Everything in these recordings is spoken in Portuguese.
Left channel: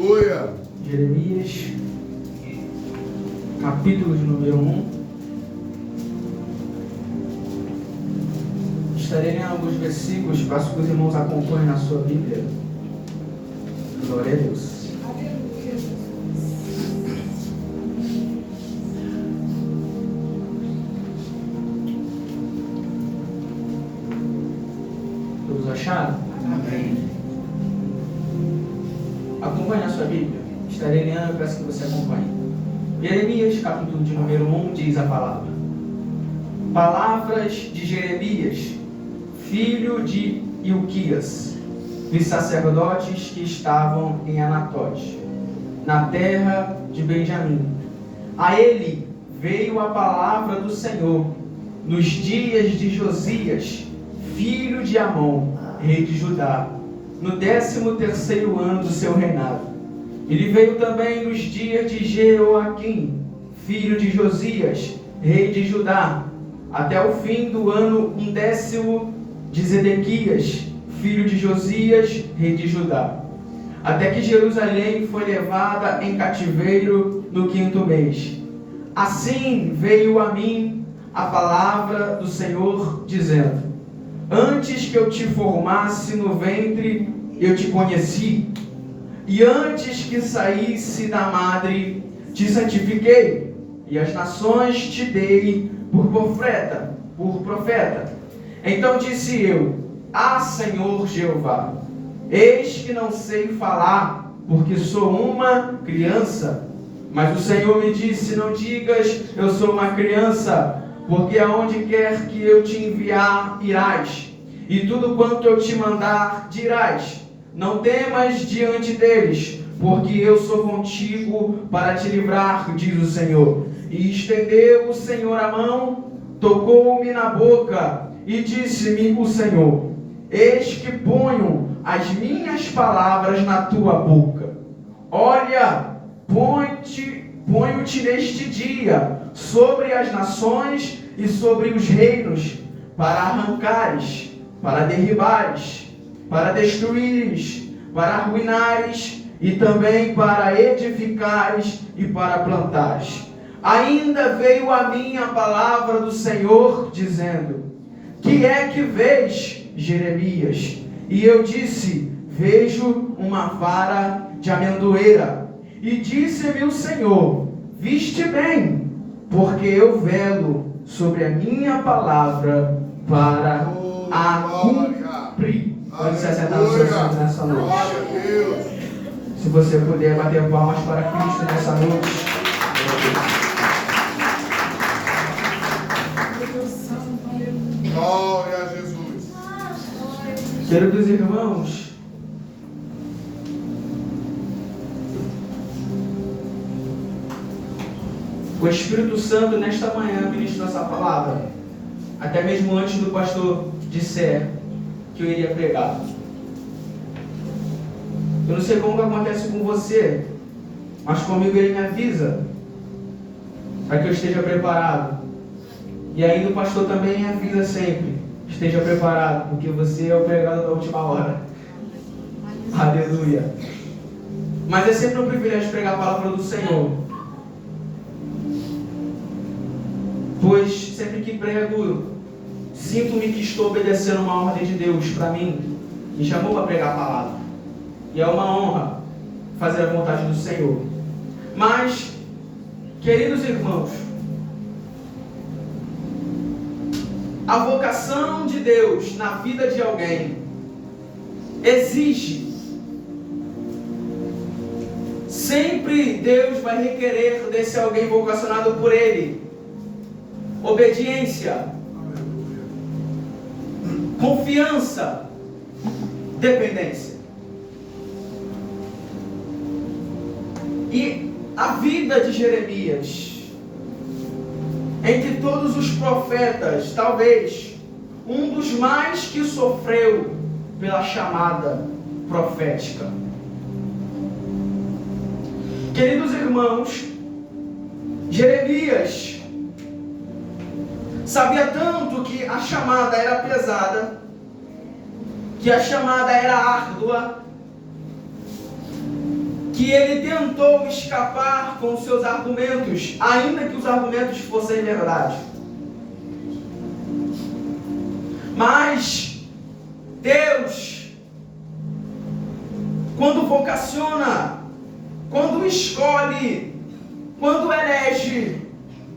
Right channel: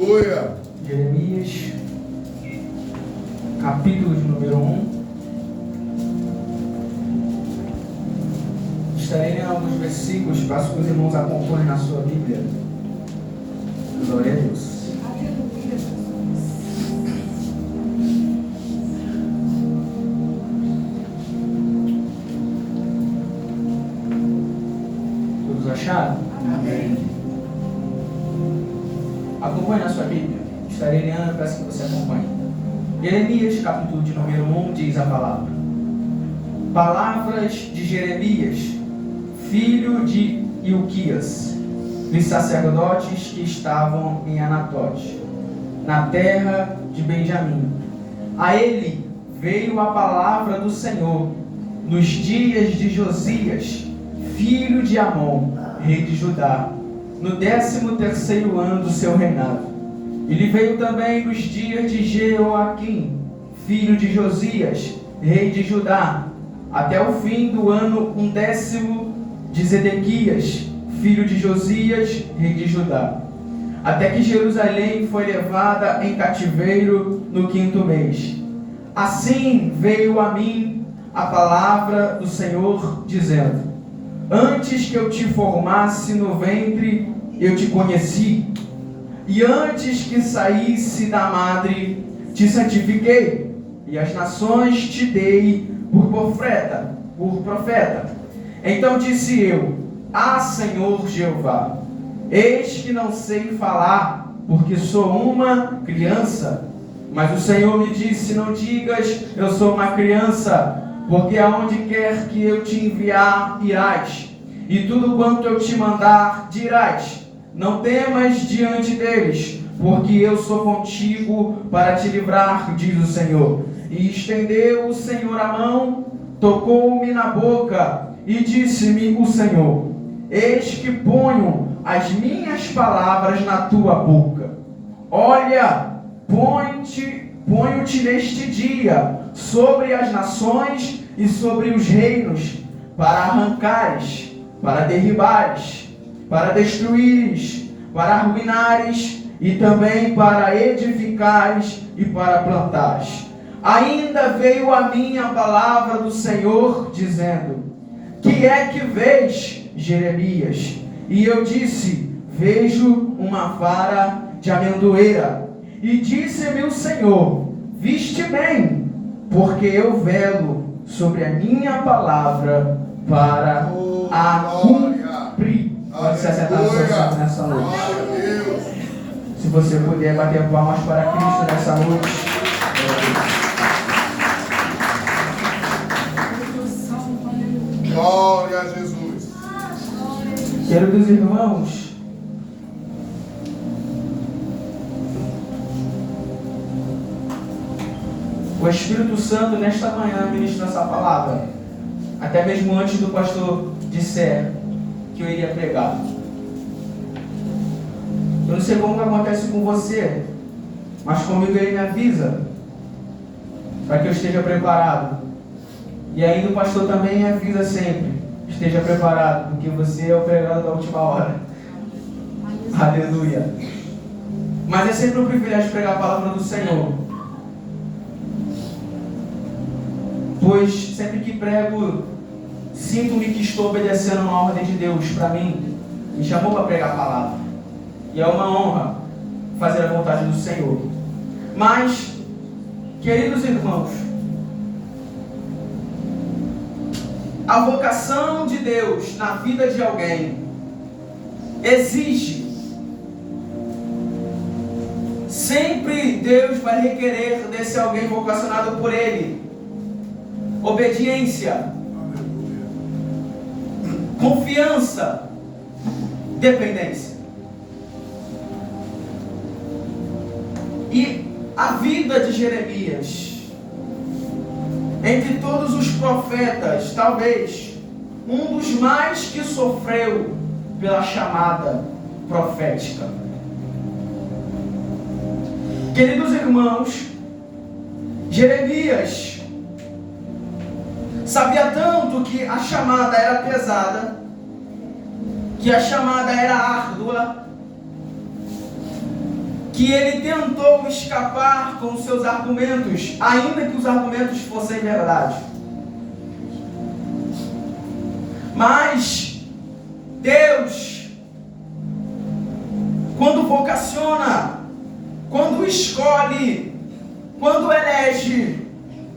Jeremias, capítulo de número 1. Estarei lendo alguns versículos, peço que os irmãos acompanhem na sua Bíblia. Glória a Deus. Todos acharam? Amém. Acompanhe na sua Bíblia. Estarei lendo, eu peço que você acompanhe. Jeremias, capítulo de número 1, diz a palavra. Palavras de Jeremias, filho de Ilquias, dos sacerdotes que estavam em Anatote, na terra de Benjamim. A ele veio a palavra do Senhor nos dias de Josias, filho de Amon, rei de Judá, no 13º ano do seu reinado. Ele veio também nos dias de Jeoaquim, filho de Josias, rei de Judá, até o fim do ano 10º de Zedequias, filho de Josias, rei de Judá, até que Jerusalém foi levada em cativeiro no 5º mês. Assim veio a mim a palavra do Senhor, dizendo: antes que eu te formasse no ventre, eu te conheci, e antes que saísse da madre, te santifiquei, e as nações te dei por profeta. Então disse eu: ah, Senhor Jeová, eis que não sei falar, porque sou uma criança. Mas o Senhor me disse: não digas, eu sou uma criança, porque aonde quer que eu te enviar, irás, e tudo quanto eu te mandar, dirás. Não temas diante deles, porque eu sou contigo para te livrar, diz o Senhor. E estendeu o Senhor a mão, tocou-me na boca, e disse-me o Senhor: eis que ponho as minhas palavras na tua boca. Olha, ponho-te neste dia sobre as nações e sobre os reinos, para arrancares, para derribares, para destruires, para arruinares, e também para edificares e para plantares. Ainda veio a mim a palavra do Senhor, dizendo: que é que vês, Jeremias? E eu disse: vejo uma vara de amendoeira. E disse-me o Senhor: viste bem, porque eu velo sobre a minha palavra para a cumprir. Pode se assentar no seu santo nessa noite. Se você puder bater palmas para Cristo nessa noite. Glória a Jesus. Queridos irmãos, o Espírito Santo nesta manhã ministrou essa palavra, até mesmo antes do pastor disser que eu iria pregar. Eu não sei como que acontece com você, mas comigo ele me avisa para que eu esteja preparado. E ainda o pastor também me avisa sempre: esteja preparado, porque você é o pregado da última hora. Aleluia. Mas é sempre um privilégio pregar a palavra do Senhor, pois sempre que prego, sinto-me que estou obedecendo uma ordem de Deus para mim. Me chamou para pregar a palavra, e é uma honra fazer a vontade do Senhor. Mas, queridos irmãos, a vocação de Deus na vida de alguém exige, sempre Deus vai requerer desse alguém vocacionado por Ele, obediência, confiança, dependência. E a vida de Jeremias, entre todos os profetas, talvez um dos mais que sofreu pela chamada profética. Queridos irmãos, Jeremias sabia tanto que a chamada era pesada, que a chamada era árdua, que ele tentou escapar com seus argumentos, ainda que os argumentos fossem verdade. Mas Deus, quando vocaciona, quando escolhe, quando elege,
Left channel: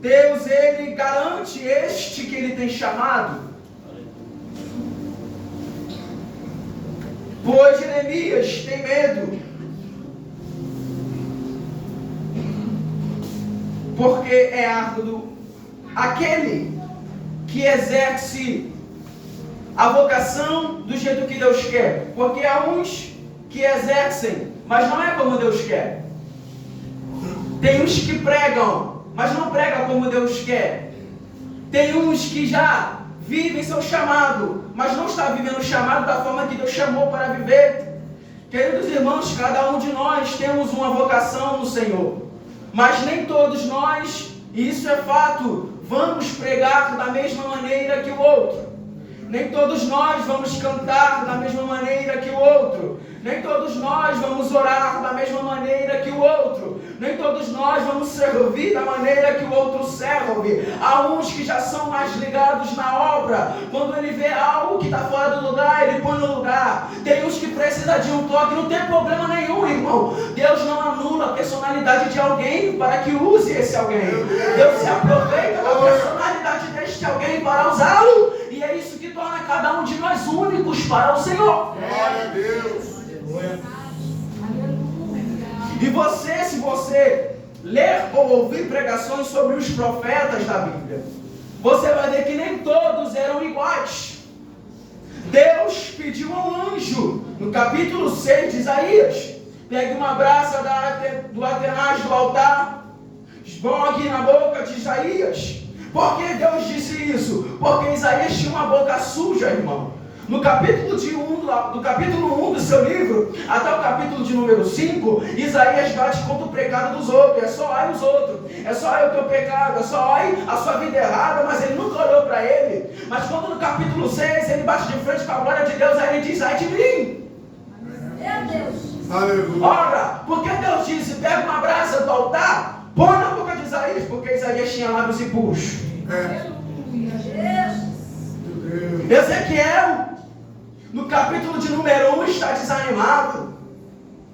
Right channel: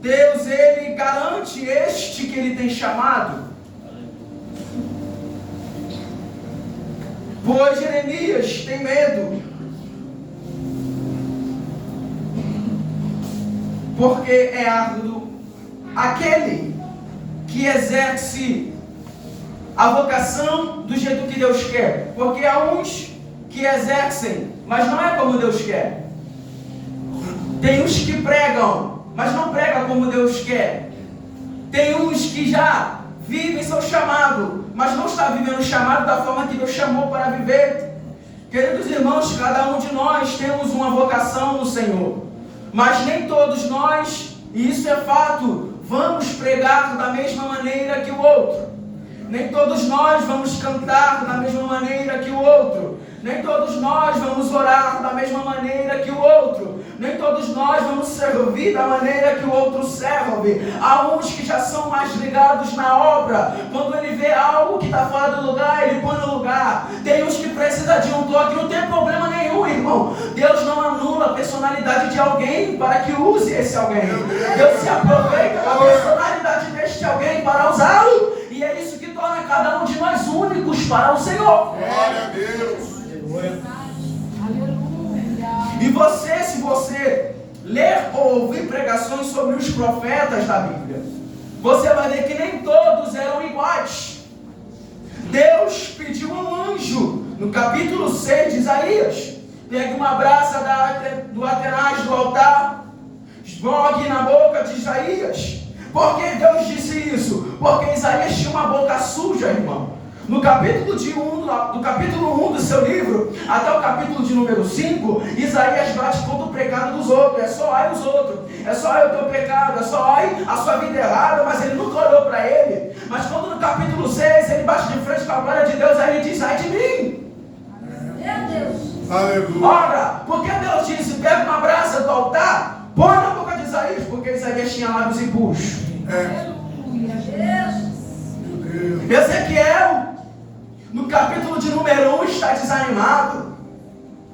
Deus, ele garante este que ele tem chamado. Pois Jeremias tem medo, porque é árduo aquele que exerce a vocação do jeito que Deus quer. Porque há uns que exercem, mas não é como Deus quer. Tem uns que pregam, mas não pregam como Deus quer. Tem uns que já vivem seu chamado, mas não está vivendo o chamado da forma que Deus chamou para viver. Queridos irmãos, cada um de nós temos uma vocação no Senhor, mas nem todos nós, e isso é fato, vamos pregar da mesma maneira que o outro. Nem todos nós vamos cantar da mesma maneira que o outro. Nem todos nós vamos orar da mesma maneira que o outro. Nem todos nós vamos servir da maneira que o outro serve. Há uns que já são mais ligados na obra. Quando ele vê algo que está fora do lugar, ele põe no lugar. Tem uns que precisam de um toque, não tem problema nenhum, irmão. Deus não anula a personalidade de alguém para que use esse alguém. Deus se aproveita da personalidade deste alguém para usá-lo. E é isso que torna cada um de nós únicos para o Senhor. Glória a Deus. E você, se você ler ou ouvir pregações sobre os profetas da Bíblia, você vai ver que nem todos eram iguais. Deus pediu a um anjo, no capítulo 6 de Isaías, pegue uma brasa do atenaz do altar, esmogue na boca de Isaías. Por que Deus disse isso? Porque Isaías tinha uma boca suja, irmão. No capítulo 1 do seu livro, até o capítulo de número 5, Isaías bate contra o pecado dos outros. É só ai os outros, é só ai o teu pecado, é só ai a sua vida errada, mas ele nunca olhou para ele. Mas quando no capítulo 6 ele bate de frente com a glória de Deus, aí ele diz, ai de mim. Meu Deus. Aleluia. Ora, porque Deus disse, pega uma brasa do altar, põe na boca de Isaías, porque Isaías tinha lábios impuros. Aleluia. Deus. Ezequiel, no capítulo de número 1, está desanimado,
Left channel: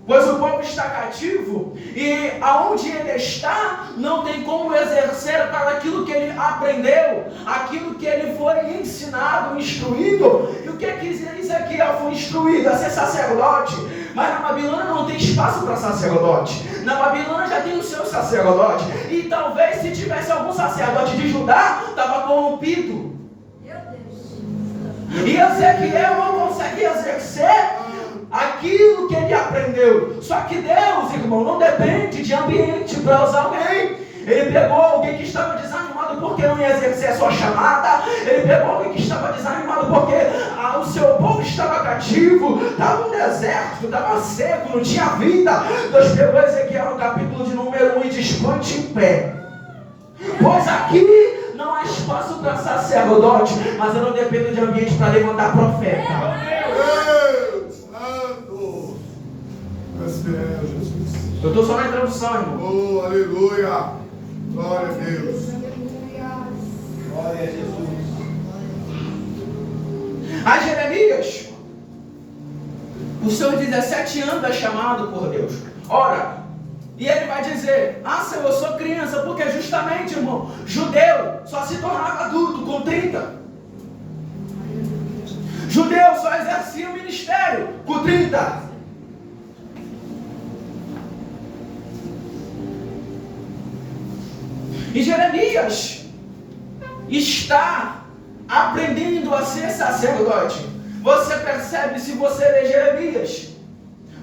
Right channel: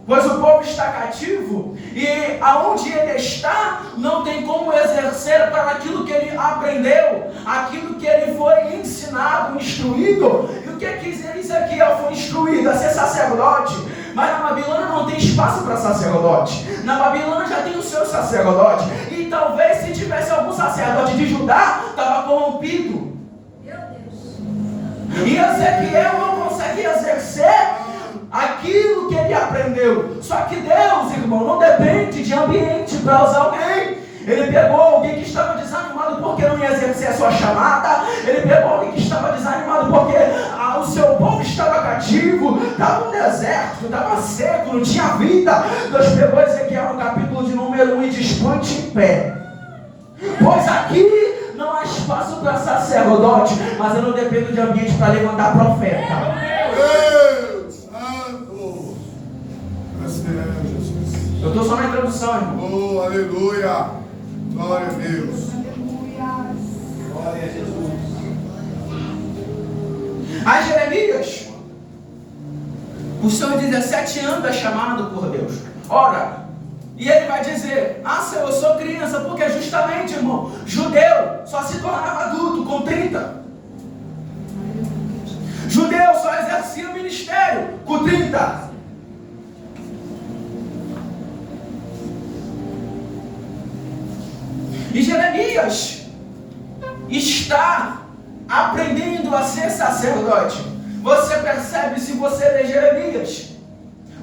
pois o povo está cativo, e aonde ele está, não tem como exercer para aquilo que ele aprendeu, aquilo que ele foi ensinado, instruído. E o que Ezequiel foi instruído? A ser sacerdote. Mas na Babilônia não tem espaço para sacerdote. Na Babilônia já tem o seu sacerdote. E talvez se tivesse algum sacerdote de Judá, estava corrompido. E Ezequiel não conseguia exercer aquilo que ele aprendeu. Só que Deus, irmão, não depende de ambiente para usar alguém. Ele pegou alguém que estava desanimado porque não ia exercer a sua chamada. Ele pegou alguém que estava desanimado porque o seu povo estava cativo, estava no deserto, estava seco, não tinha vida. Deus pegou Ezequiel no capítulo de número 1 e diz, põe-te em pé, pois aqui não há espaço para sacerdote, mas eu não dependo de ambiente para levantar profeta. Deus Santo. Graças a Jesus. Eu estou só na introdução, irmão. Oh, aleluia. Glória a Deus. Glória a Jesus. A Jeremias, os seus 17 anos é chamado por Deus. Ora, e ele vai dizer, Senhor, eu sou criança, porque justamente, irmão, judeu só se tornava adulto com 30. Judeu só exercia o ministério com 30. E Jeremias está aprendendo a ser sacerdote. Você percebe, se você lê Jeremias,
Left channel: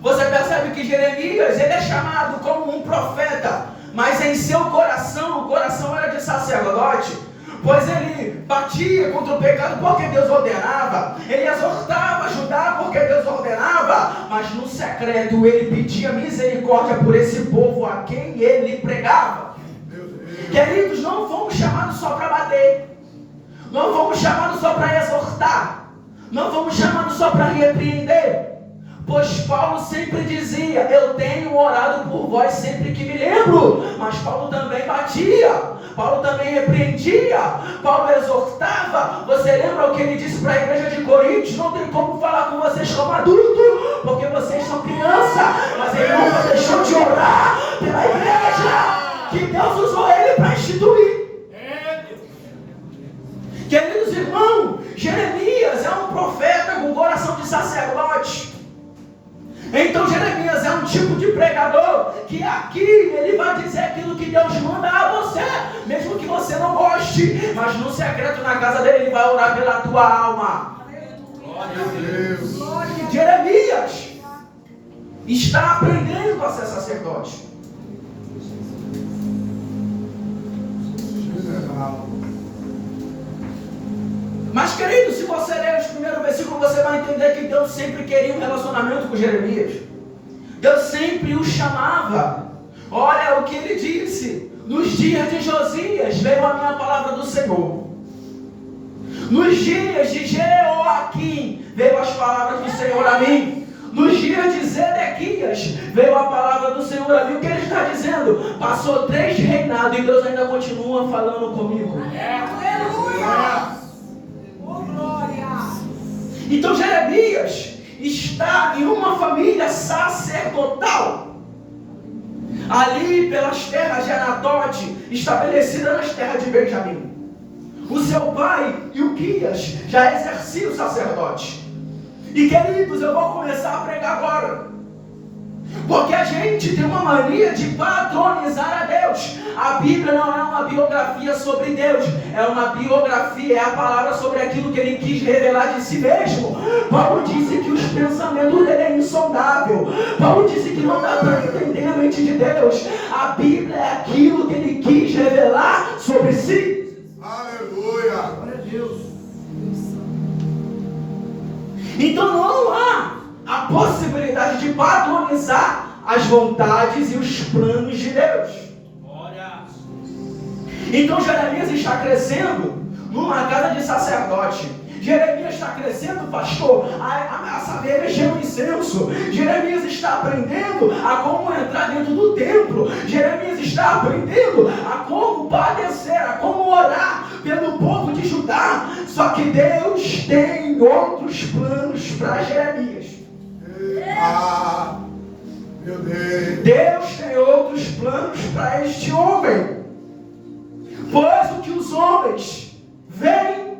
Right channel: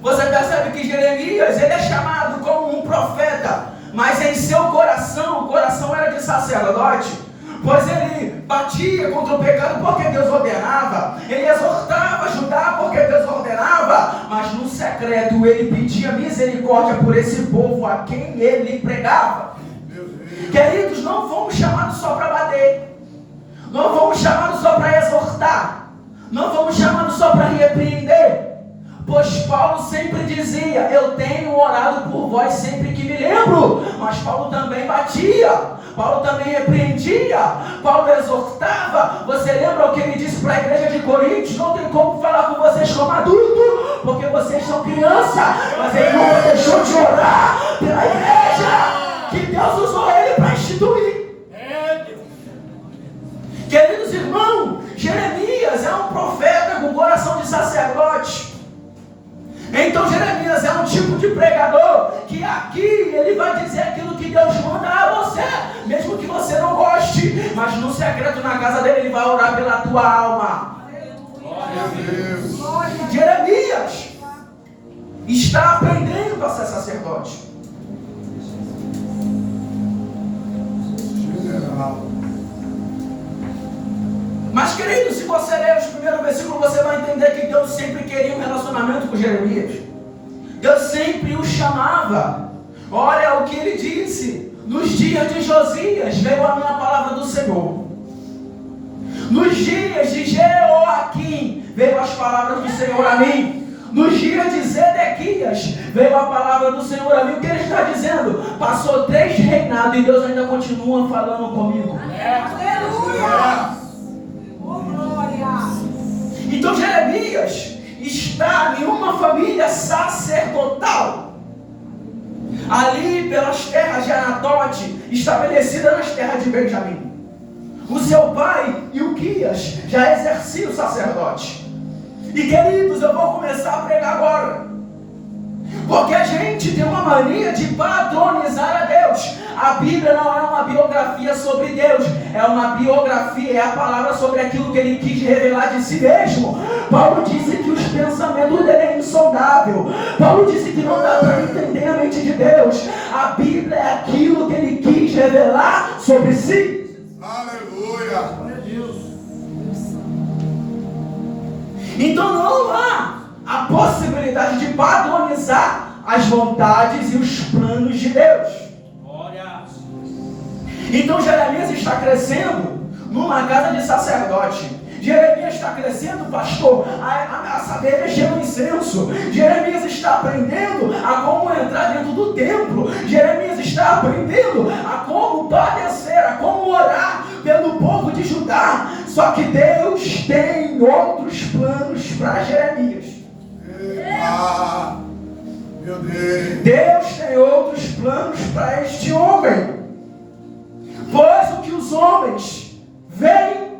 você percebe que Jeremias, ele é chamado como um profeta, mas em seu coração, o coração era de sacerdote, pois ele batia contra o pecado porque Deus ordenava, ele exortava Judá porque Deus ordenava, mas no secreto ele pedia misericórdia por esse povo a quem ele pregava. Queridos, não fomos chamados só para bater, não fomos chamados só para exortar, não fomos chamados só para repreender. Pois Paulo sempre dizia: eu tenho orado por vós sempre que me lembro. Mas Paulo também batia, Paulo também repreendia, Paulo exortava. Você lembra o que ele disse para a igreja de Coríntios? Não tem como falar com vocês como adulto, porque vocês são criança. Mas ele nunca deixou de orar pela igreja que Deus usou ele para instituir. Queridos irmãos, Jeremias é um profeta com coração de sacerdote. Então Jeremias é um tipo de pregador que aqui ele vai dizer aquilo que Deus manda a você, mesmo que você não goste, mas no secreto na casa dele ele vai orar pela tua alma. Glória a Deus. Jeremias está aprendendo a ser sacerdote. General. Mas querido, se você ler os primeiros versículos, você vai entender que Deus sempre queria um relacionamento com Jeremias. Deus sempre o chamava. Olha o que ele disse: nos dias de Josias veio a minha palavra do Senhor. Nos dias de Jeoaquim veio as palavras do Senhor a mim. Nos dias de Zedequias veio a palavra do Senhor a mim. O que ele está dizendo? Passou 3 reinados e Deus ainda continua falando comigo. Aleluia! Então Jeremias está em uma família sacerdotal, ali pelas terras de Anatote, estabelecida nas terras de Benjamim. O seu pai, Ilquias, já exercia o sacerdote. E queridos, eu vou começar a pregar agora, porque a gente tem uma mania de padronizar a Deus. A Bíblia não é uma biografia sobre Deus, é uma biografia, é a palavra sobre aquilo que ele quis revelar de si mesmo. Paulo disse que os pensamentos dele é insondável. Paulo disse que não dá para entender a mente de Deus. A Bíblia é aquilo que ele quis revelar sobre si. Aleluia. Então não há a possibilidade de padronizar as vontades e os planos de Deus. Então Jeremias está crescendo numa casa de sacerdote. Jeremias está crescendo, pastor, a saber mexer no incenso. Jeremias está aprendendo a como entrar dentro do templo. Jeremias está aprendendo a como padecer, a como orar pelo povo de Judá. Só que Deus tem outros planos para Jeremias. Meu Deus. Deus tem outros planos para este homem. Pois o que os homens veem,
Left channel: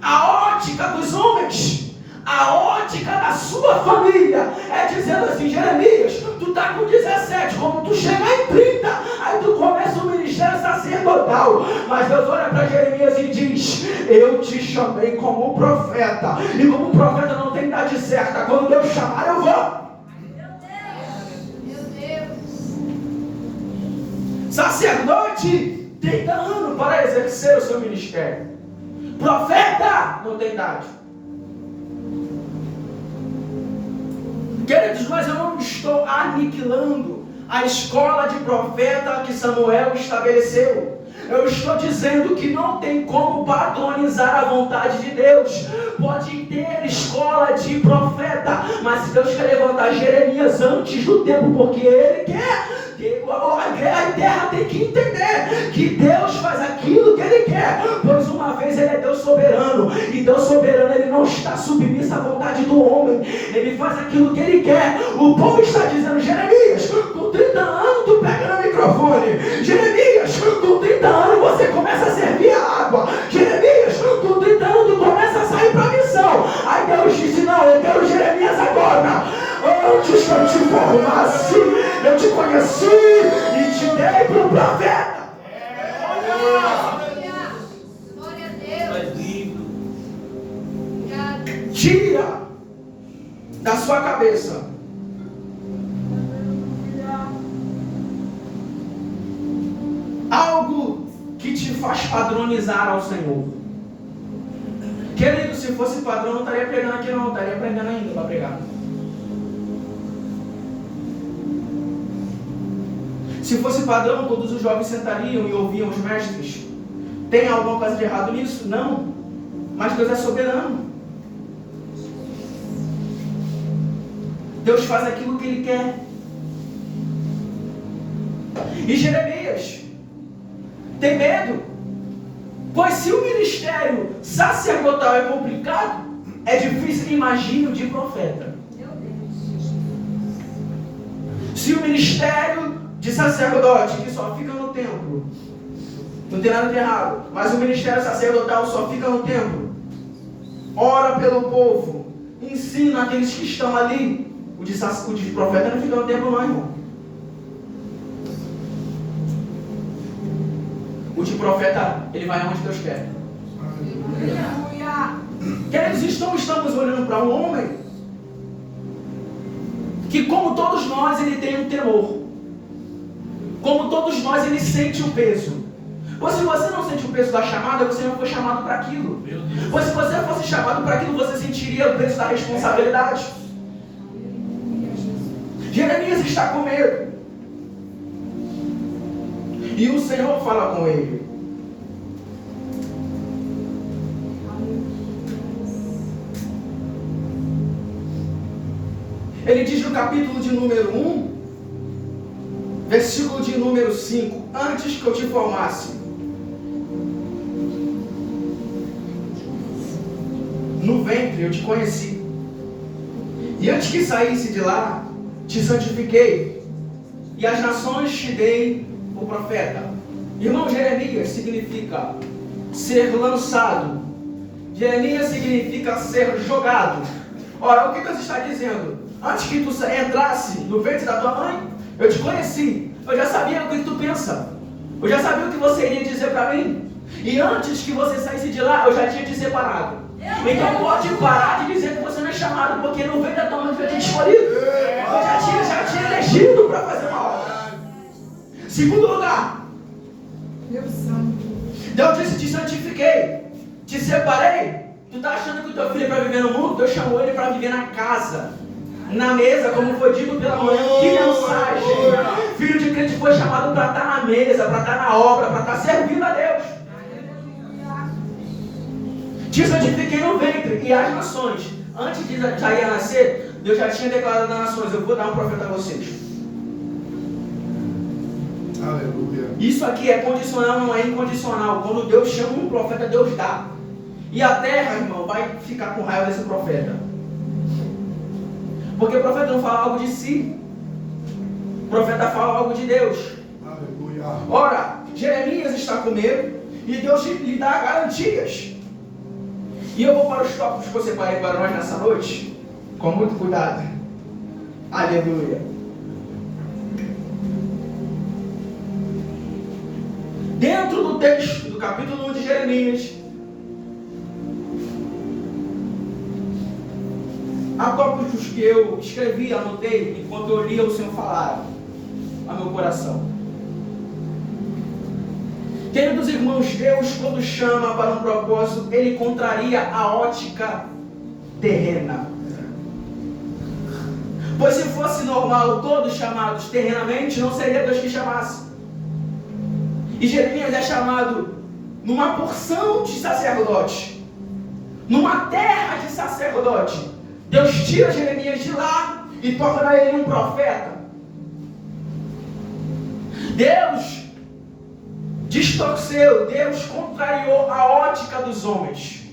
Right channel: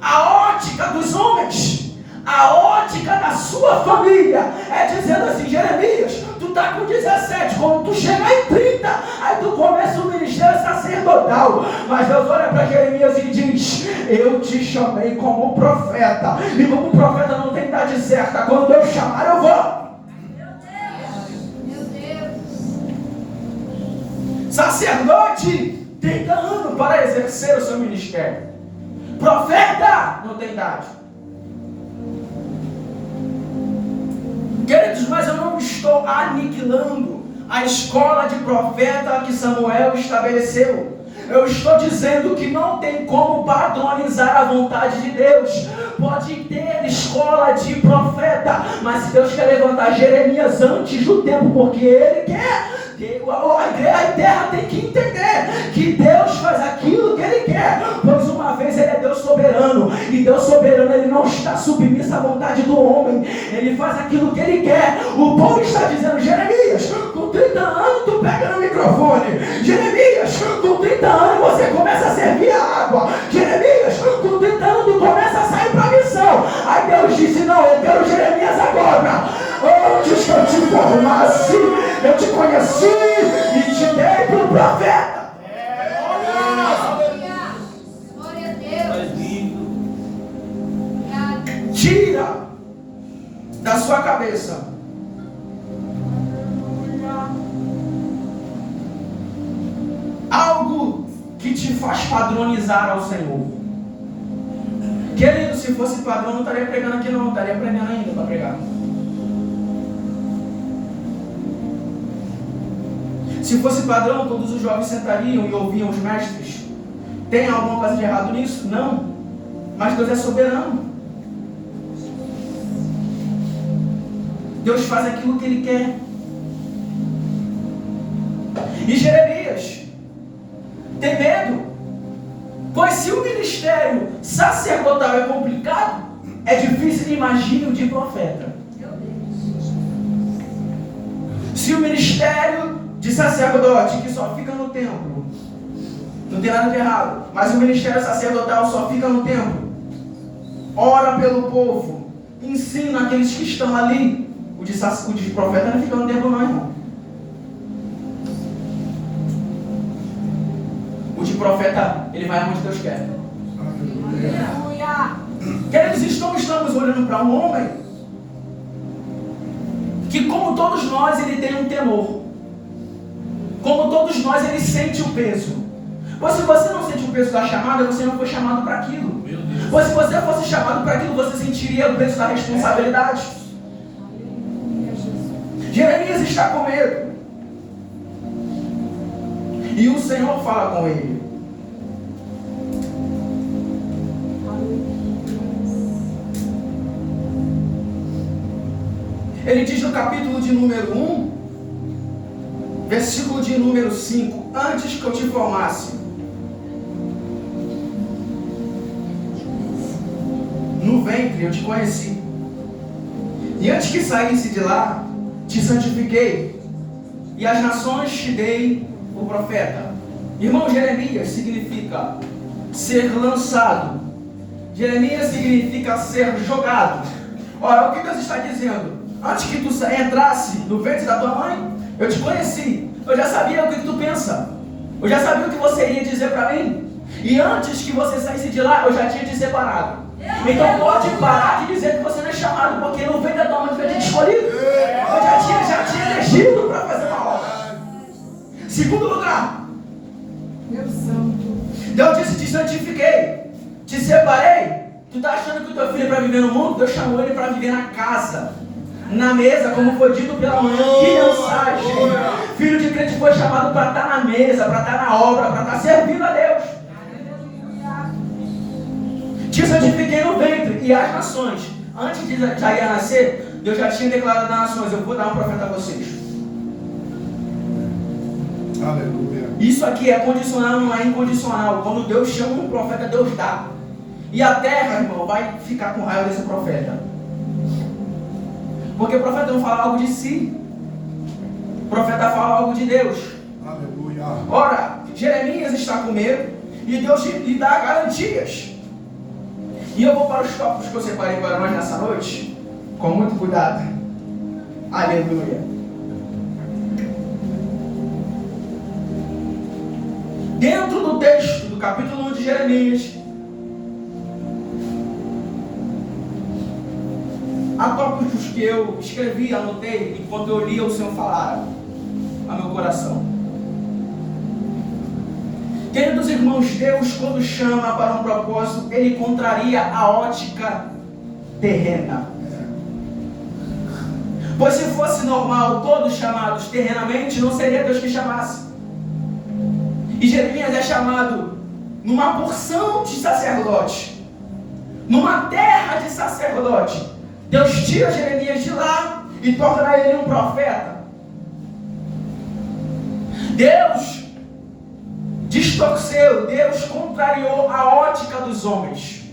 a ótica dos homens, a ótica da sua família, é dizendo assim: Jeremias, tu está com 17, quando tu chegar em 30, aí tu começa o ministério sacerdotal. Mas Deus olha para Jeremias e diz: eu te chamei como profeta, e como profeta não tem idade certa, quando eu chamar eu vou. Sacerdote 30 anos para exercer o seu ministério. Profeta não tem idade. Queridos, mas eu não estou aniquilando a escola de profeta que Samuel estabeleceu. Eu estou dizendo que não tem como padronizar a vontade de Deus. Pode ter escola de profeta, mas se Deus quer levantar Jeremias antes do tempo, porque Ele quer, a terra tem que entender que Deus faz aquilo que Ele quer, pois uma vez Ele é Deus soberano, e Deus soberano Ele não está submisso à vontade do homem, Ele faz aquilo que Ele quer. O povo está dizendo: Jeremias, com 30 anos tu pega no microfone. Jeremias, com 30 anos você começa a servir a água. Jeremias, com 30 anos tu começa a sair para a missão. Aí Deus disse: não, eu quero Jeremias agora. Antes que eu te formasse, eu te conheci e te dei para o profeta. Glória a Deus. Tira da sua cabeça algo que te faz padronizar ao Senhor. Querido, se fosse padrão, não estaria pregando aqui não, estaria aprendendo ainda para pregar. Se fosse padrão, todos os jovens sentariam e ouviam os mestres. Tem alguma coisa de errado nisso? Não. Mas Deus é soberano. Deus faz aquilo que Ele quer. E Jeremias tem medo, pois se o ministério sacerdotal é complicado, é difícil imaginar o de profeta. Se o ministério de sacerdote, que só fica no templo, não tem nada de errado, mas o ministério sacerdotal só fica no templo, ora pelo povo, ensina aqueles que estão ali, o de profeta não fica no templo não, irmão. O de profeta, ele vai onde Deus quer. Queridos, estamos olhando para um homem que, como todos nós, ele tem um temor. Como todos nós, ele sente o peso. Pois se você não sente o peso da chamada, você não foi chamado para aquilo. Pois se você fosse chamado para aquilo, você sentiria o peso da responsabilidade. Jeremias está com medo. E o Senhor fala com ele. Ele diz no capítulo de número 1, versículo de número 5: antes que eu te formasse no ventre eu te conheci, e antes que saísse de lá te santifiquei, e às nações te dei o profeta. Irmão, Jeremias significa ser lançado. Jeremias significa ser jogado. Ora, o que Deus está dizendo? Antes que tu entrasse no ventre da tua mãe, eu te conheci. Eu já sabia o que tu pensa. Eu já sabia o que você iria dizer para mim. E antes que você saísse de lá, eu já tinha te separado. Então pode parar de dizer que você não é chamado, porque no ventre da tua mãe eu já tinha escolhido. Eu já tinha elegido para fazer uma obra. Segundo lugar, Deus disse: te santifiquei, te separei. Tu está achando que o teu filho é para viver no mundo? Deus chamou ele para viver na casa, na mesa, como foi dito pela manhã. Que mensagem! Filho de crente foi chamado para estar na mesa, para estar na obra, para estar servindo a Deus. Te santifiquei no ventre e as nações. Antes de Isaías nascer, Deus já tinha declarado às nações: eu vou dar um profeta a vocês. Aleluia. Isso aqui é condicional, não é incondicional. Quando Deus chama um profeta, Deus dá. E a terra, irmão, vai ficar com raiva desse profeta. Porque o profeta não fala algo de si. O profeta fala algo de Deus. Aleluia. Ora, Jeremias está com medo e Deus lhe dá garantias. E eu vou para os tópicos que eu separei para nós nessa noite, com muito cuidado. Aleluia. Dentro do texto do capítulo 1 de Jeremias, há tópicos que eu escrevi, anotei, enquanto eu lia o Senhor falar a meu coração. Queridos irmãos, Deus, quando chama para um propósito, Ele contraria a ótica terrena. Pois se fosse normal, todos chamados terrenamente, não seria Deus que chamasse. E Jeremias é chamado numa porção de sacerdote, numa terra de sacerdote. Deus tira Jeremias de lá e torna ele um profeta. Deus distorceu, Deus contrariou a ótica dos homens.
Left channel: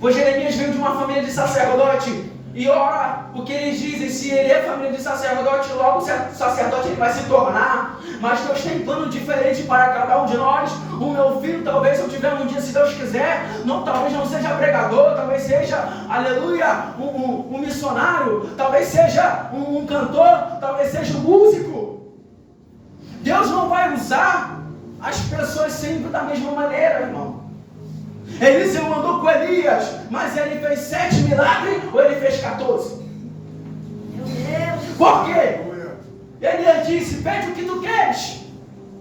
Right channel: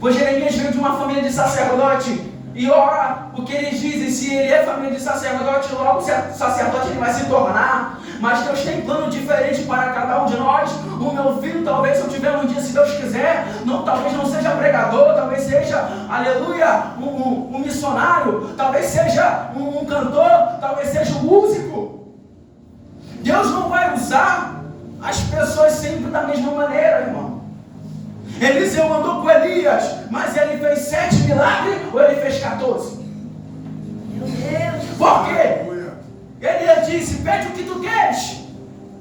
Pois Jeremias veio de uma família de sacerdote. E ora, o que eles dizem, se ele é família de sacerdote, logo sacerdote ele vai se tornar. Mas Deus tem plano diferente para cada um de nós. O meu filho, talvez, se eu tiver um dia, se Deus quiser, talvez não seja pregador, talvez seja, aleluia, um missionário, talvez seja um cantor, talvez seja um músico. Deus não vai usar as pessoas sempre da mesma maneira, irmão. Eliseu mandou com Elias, mas ele fez 7 milagres ou ele fez 14? Meu Deus. Por quê? Elias disse: pede o que tu queres.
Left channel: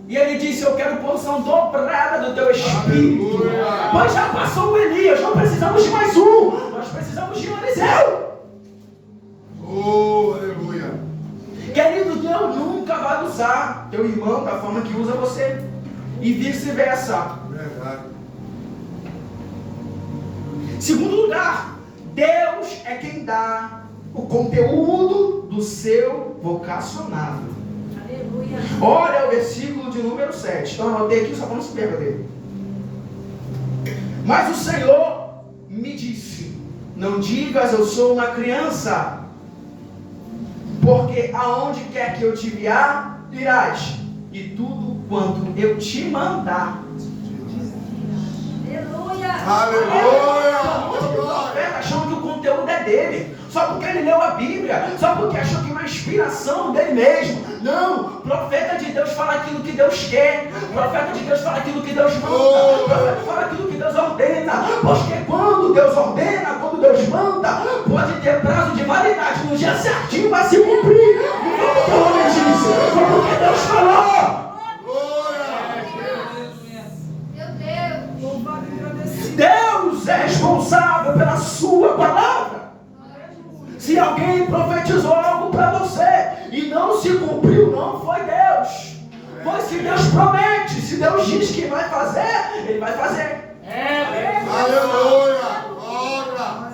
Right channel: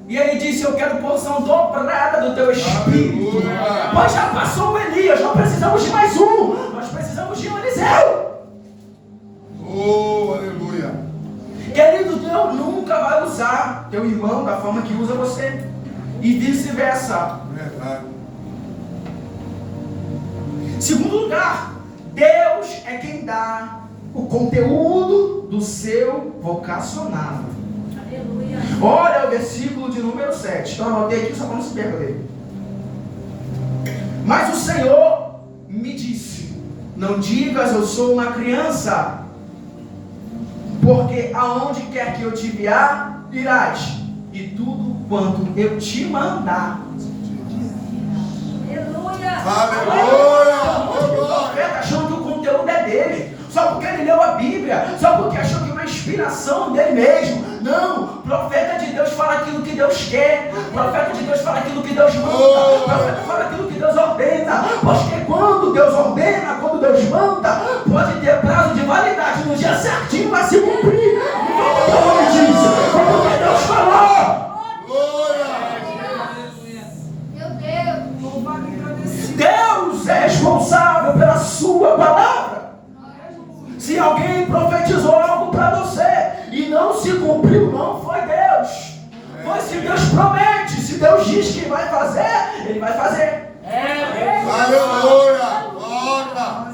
E ele disse: eu quero porção dobrada do teu espírito. Aleluia. Pois já passou o Elias, não precisamos de mais um, nós precisamos de um Eliseu. Oh, aleluia. Querido, Deus nunca vai usar teu irmão da forma que usa você, e vice-versa. Verdade. Segundo lugar, Deus é quem dá o conteúdo do seu vocacionado. Aleluia. Olha o versículo de número 7. Então eu anotei aqui só para não se perder dele. Mas o Senhor me disse: não digas eu sou uma criança, porque aonde quer que eu te enviar, irás, e tudo quanto eu te mandar. Aleluia. Aleluia. O profeta achando que o conteúdo é dele, só porque ele leu a Bíblia, só porque achou que é uma inspiração dele mesmo. Não, o profeta de Deus fala aquilo que Deus quer, o profeta de Deus fala aquilo que Deus manda, o profeta fala aquilo que Deus ordena, porque quando Deus ordena, quando Deus manda, pode ter prazo de validade, no dia certinho vai se cumprir. Não vamos por disso, porque Deus falou. Deus é responsável pela sua palavra. Se alguém profetizou algo para você e não se cumpriu, não foi Deus. Mas se Deus promete, se Deus diz que vai fazer, Ele vai fazer. Aleluia. Glória.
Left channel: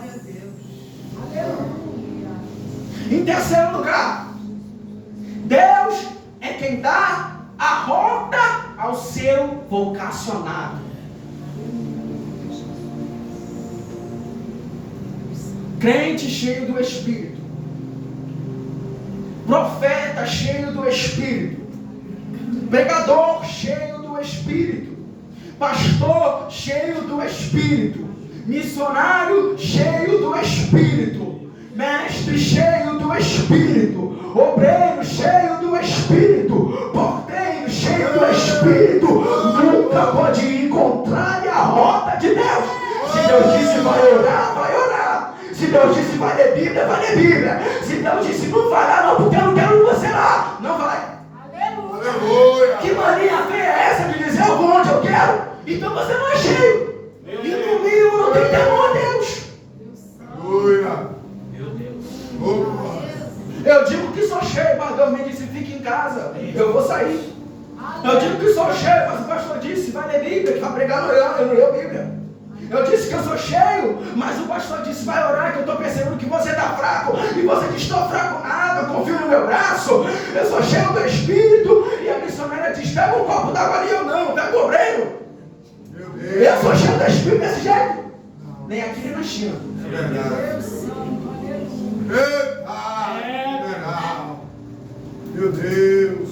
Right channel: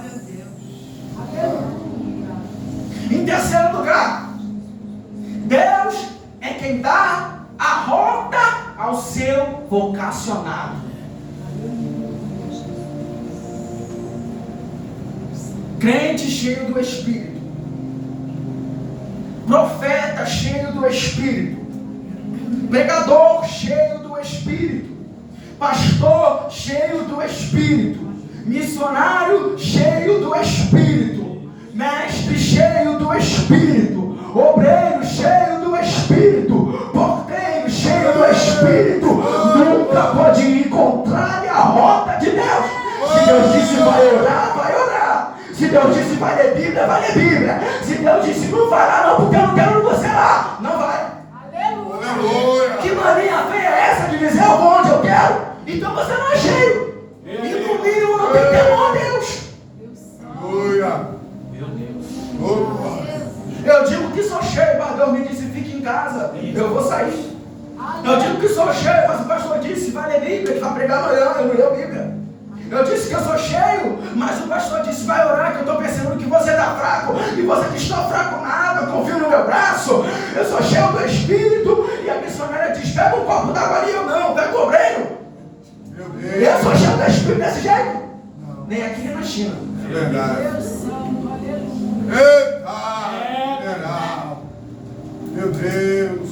Em terceiro lugar, Deus é quem dá a rota ao seu vocacionado. Crente cheio do Espírito, profeta cheio do Espírito, pregador cheio do Espírito, pastor cheio do Espírito, missionário cheio do Espírito, mestre cheio do Espírito, obreiro cheio do Espírito, porteiro cheio do Espírito, nunca pode encontrar a rota de Deus. Se Deus disse vai orar, vai orar. Se Deus disse vai ler Bíblia, vai ler Bíblia. Se Deus disse não vai lá não, porque eu não quero você lá, não vai. Aleluia. Que mania feia é essa de dizer eu vou onde eu quero? Então você não é cheio. E no mínimo não tem temor a Deus. Aleluia. Eu digo que sou cheio, mas Deus me disse fique em casa, eu vou sair. Eu digo que sou cheio, mas o pastor disse vai ler Bíblia, ele vai pregar no ano, eu não leio Bíblia. Eu disse que eu sou cheio, mas o pastor disse vai orar, que eu estou percebendo que você está fraco. E você diz estou fraco nada, eu confio no meu braço. Eu sou cheio do Espírito. E a missionária diz pega um copo d'água ali, eu não, pega o obreiro. Eu sou cheio do Espírito desse jeito. Nem aqui nem na China. É verdade. Eita! Meu Deus!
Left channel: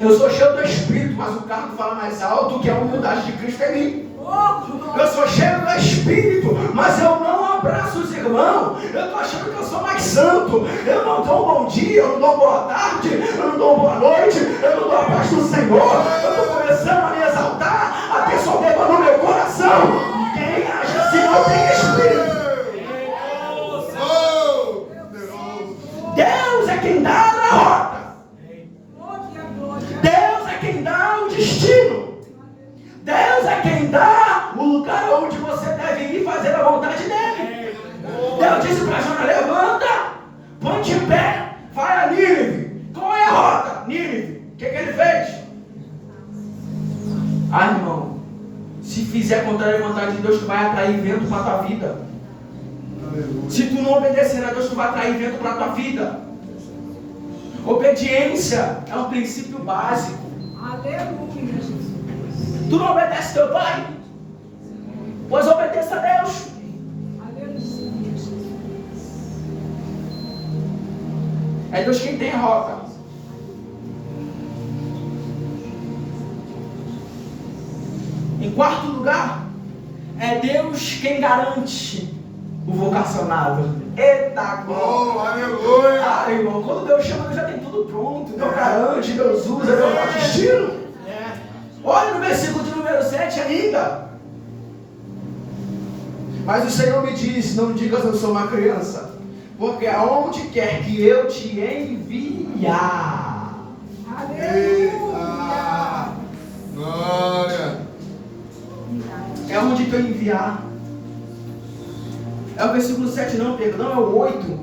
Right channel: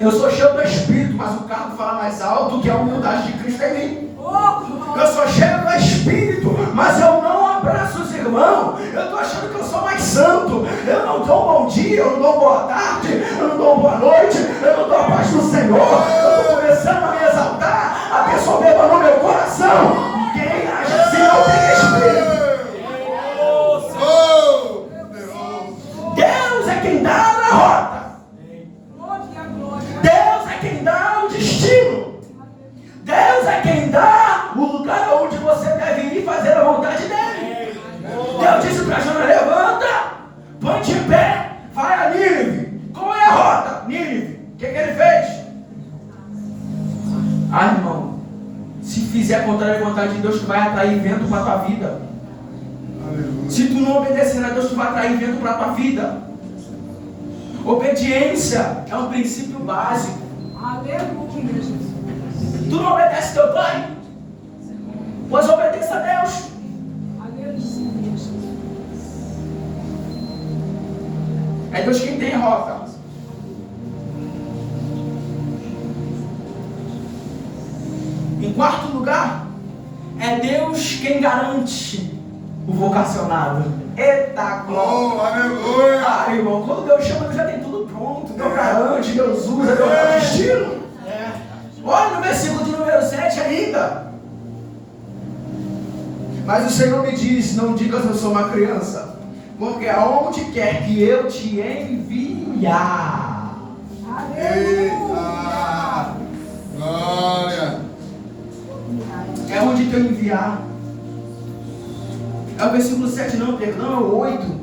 Eu sou cheio do Espírito, mas o carro fala mais alto que a humildade de Cristo em mim. Eu sou cheio do Espírito, mas eu não abraço os irmãos. Eu estou achando que eu sou mais santo. Eu não dou um bom dia, eu não dou boa tarde, eu não dou boa noite, eu não dou a paz do Senhor. Eu estou começando a me exaltar, a ter soberba no meu coração. Quem age assim não tem Espírito. Deus é quem dá a rota. Deus é quem dá o destino. Deus é quem dá o lugar onde você deve ir fazer a vontade dele. Deus disse para Jonas, levanta, põe-te em pé, vai a Nínive. Qual é a rota? Nínive. O que ele fez? Ah, irmão, se fizer contra a vontade de Deus, tu vai atrair vento para a tua vida. Aleluia. Se tu não obedecer a Deus, tu vai atrair vento para a tua vida. Obediência é um princípio básico. Aleluia, Jesus. Tu não obedece teu pai? Pois obedeça a Deus. Aleluia, Jesus. É Deus quem tem rota. Em quarto lugar, é Deus quem garante o vocacionado. Eita glória! Oh, aleluia! Ah, irmão, quando Deus chama, Deus já tem tudo pronto. Deus garante, Deus usa, Deus dá destino. Olha no versículo de número 7 ainda. Mas o Senhor me diz, não digas eu sou uma criança, porque aonde quer que eu te enviar. Eita! Glória! É onde que eu enviar. É o versículo 7, não, perdão, é o 8.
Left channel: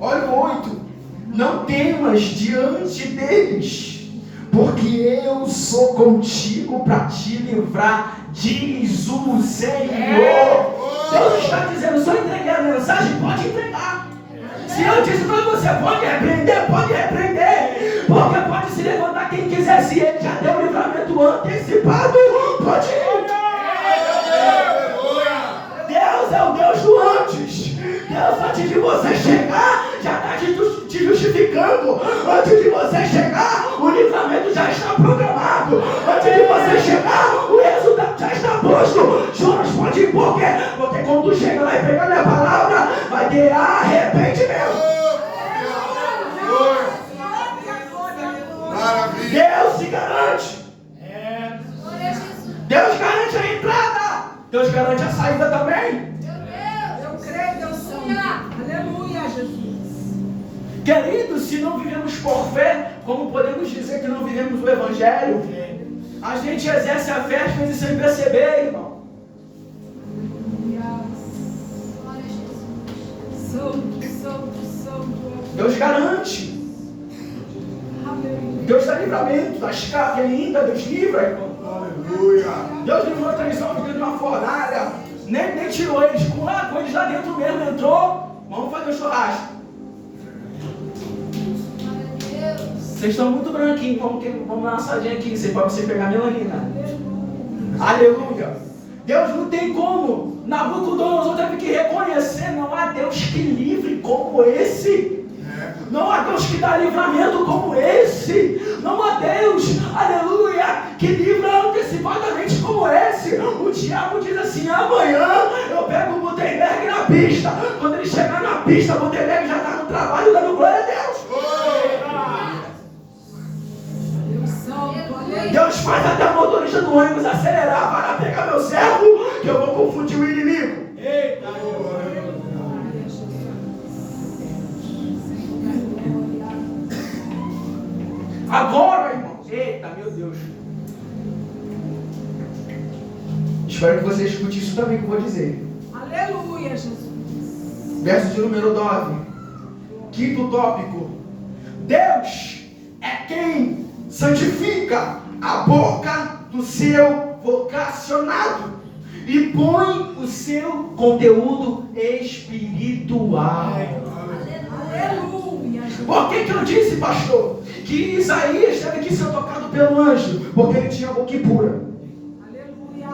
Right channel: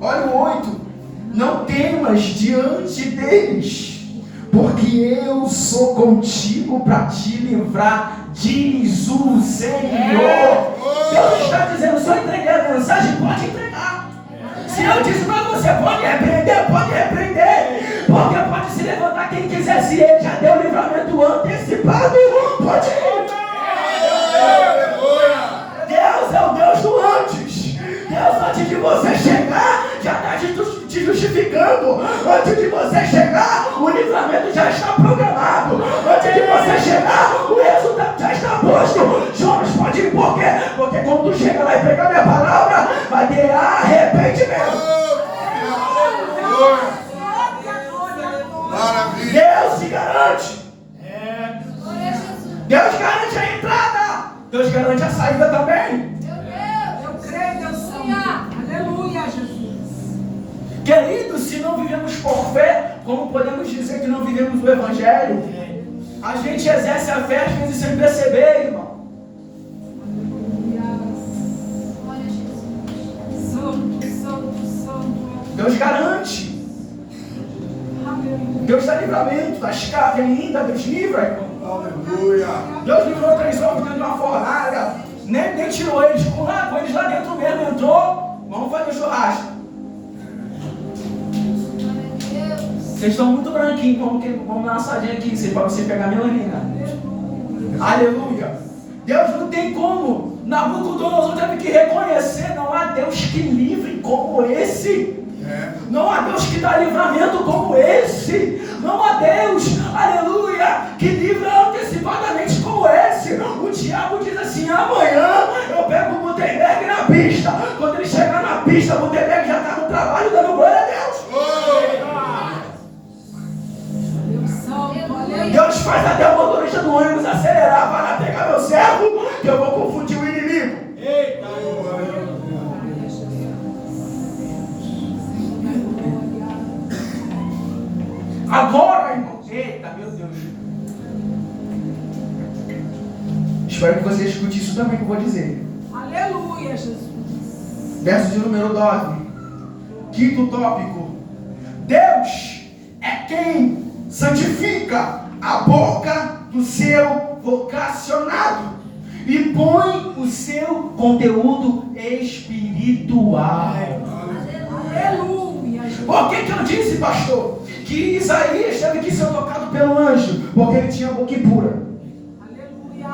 Olha o 8. Não temas diante deles, porque eu sou contigo para te livrar, diz o Senhor. Deus está dizendo, só entregar a mensagem, pode entregar. Se eu disse para você, pode repreender, porque pode se levantar quem quiser, se ele já deu livramento antecipado, pode ir. Deus é o Deus do antes. Deus, antes de você chegar, já está te justificando. Antes de você chegar, o livramento já está programado. Antes de você chegar, o resultado já está posto. Jonas pode ir, por quê? Porque quando tu chega lá e pega a minha palavra, vai ter arrependimento. Deus se garante. Deus garante a entrada. Deus garante a saída também. Eu creio, Deus Santo. Aleluia, Jesus. Queridos, se não vivemos por fé, como podemos dizer que não vivemos o Evangelho? A gente exerce a fé às vezes sem perceber, irmão. Deus garante. Deus dá livramento das cargas ainda, Deus livra, irmão. Aleluia. Deus livrou 3 homens dentro de uma fornalha. Nem tirou eles com eles lá dentro mesmo. Entrou. Vamos fazer o churrasco. Vocês estão muito branquinhos. Vamos dar uma assadinha aqui para você pegar melanina. Aleluia. Deus não tem como. Nabucodonosor teve que reconhecer. Não há Deus que livre como esse. Não há Deus que dá livramento como esse. Não há Deus, aleluia, que livra antecipadamente como esse. O diabo diz assim: amanhã eu pego o Gutenberg na pista. Quando ele chegar na pista, o Gutenberg já está no trabalho dando glória a Deus. Deus faz até o motorista do ônibus acelerar. Vai lá pegar meu servo, que eu vou confundir o inimigo. Eita, agora, irmão. Eita, meu Deus. Espero que você escute isso também que eu vou dizer. Aleluia, Jesus. Verso de número 9. Quinto tópico. Deus é quem santifica a boca do seu vocacionado e põe o seu conteúdo espiritual. Aleluia. Por que eu disse, pastor, que Isaías teve que ser tocado pelo anjo? Porque ele tinha a boca impura. Aleluia.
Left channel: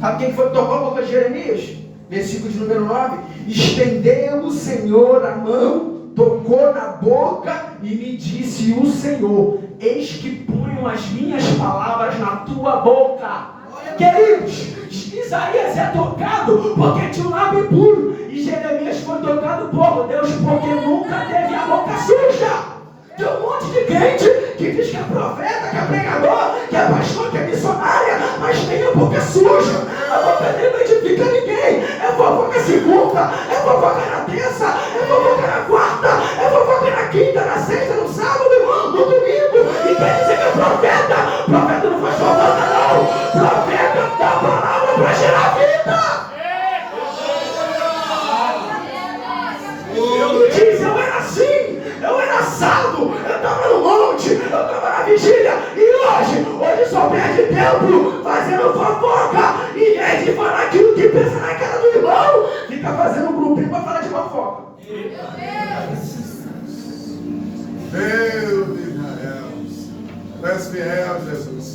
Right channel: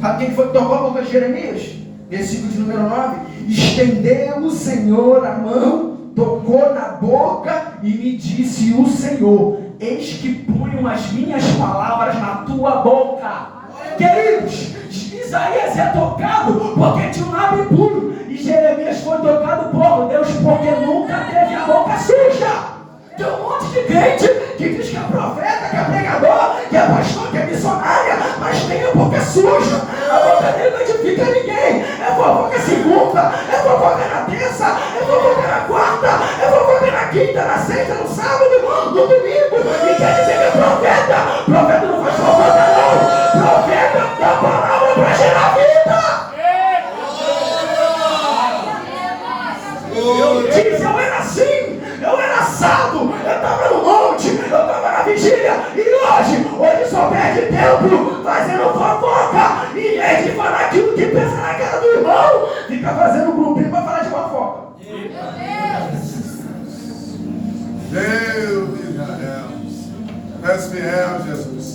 Sabe quem foi que tocou a boca de Jeremias? Versículo de número 9. Estendeu o Senhor a mão, tocou na boca e me disse o Senhor: eis que ponho as minhas palavras na tua boca. Queridos, Isaías é tocado porque tinha um lábio impuro. E Jeremias foi tocado por Deus porque nunca teve a boca suja. Tem um monte de crente que diz que é profeta, que é pregador, que é pastor, que é missionária, mas tem a boca suja. A boca dele não edifica ninguém. É fofoca segunda, é fofoca na terça, é fofoca na quarta, é fofoca na quinta, na sexta, no sábado, no domingo. E quer dizer que é profeta. Profeta não faz fofoca, não. Profeta dá palavra para gerar vida. Diz, eu era assim, eu era assado, eu estava no monte, eu estava na vigília, e hoje só perde tempo fazendo fofoca, em vez de falar aquilo que pensa na cara do irmão, fica fazendo um grupinho para falar de fofoca. Deus de Israel, és fiel, Jesus.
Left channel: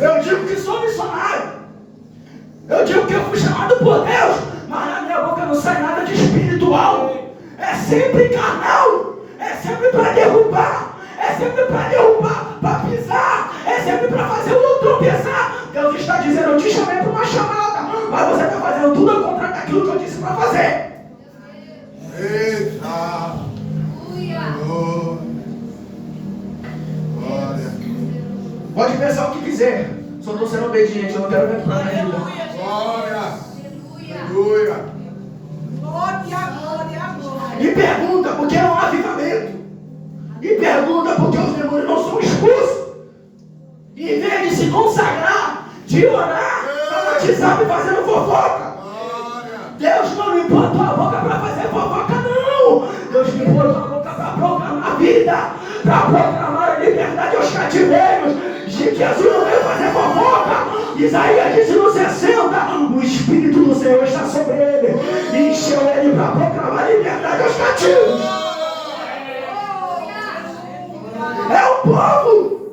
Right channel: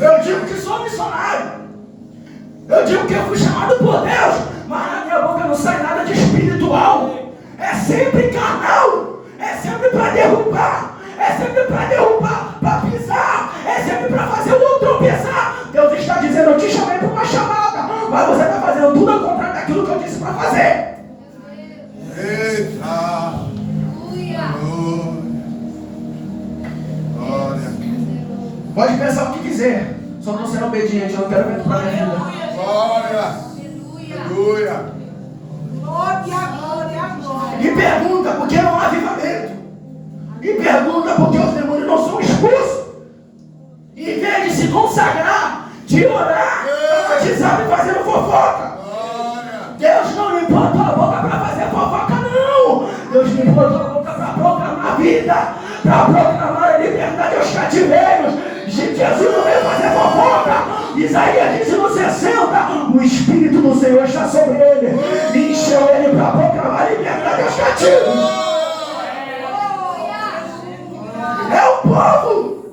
Eu digo que sou missionário, eu digo que eu fui chamado por Deus, mas na minha boca não sai nada de espiritual. É sempre carnal, é sempre para derrubar, para pisar, é sempre para fazer o outro tropeçar. Deus está dizendo: eu te chamei para uma chamada, mas você está fazendo tudo ao contrário daquilo que eu disse para fazer. Eita! Glória! Pode pensar o que quiser, só estou sendo obediente, eu não quero ver para a minha vida. Glória! Aleluia! Glória. E pergunta por que não há avivamento. E pergunta por que os demônios não são expulsos. E em vez de se consagrar, de orar, para WhatsApp fazendo fofoca. Deus não me botou a boca para fazer fofoca, não. Deus me botou a boca para proclamar vida, para proclamar a liberdade aos cativeiros. Jesus não veio fazer fofoca. Isaías disse no 60: o Espírito do Senhor está sobre ele. deixou ele para proclamar liberdade aos cativos. É o povo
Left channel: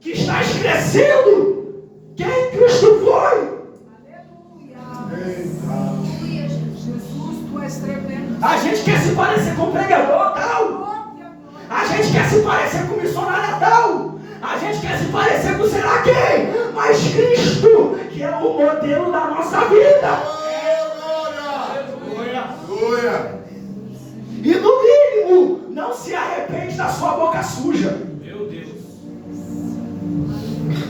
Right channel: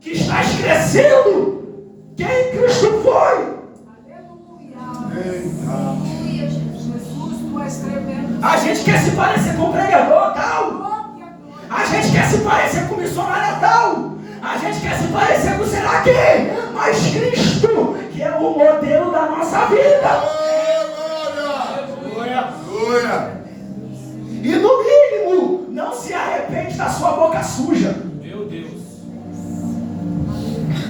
que está esquecendo quem Cristo foi. Jesus, tu és tremendo. A gente quer se parecer com o pregador tal. A gente quer se parecer com o missionário tal. A gente quer se parecer com sei lá quem. Mas Cristo, que é o modelo da nossa vida. Glória. E no mínimo, não se arrepende da sua boca suja. Meu Deus.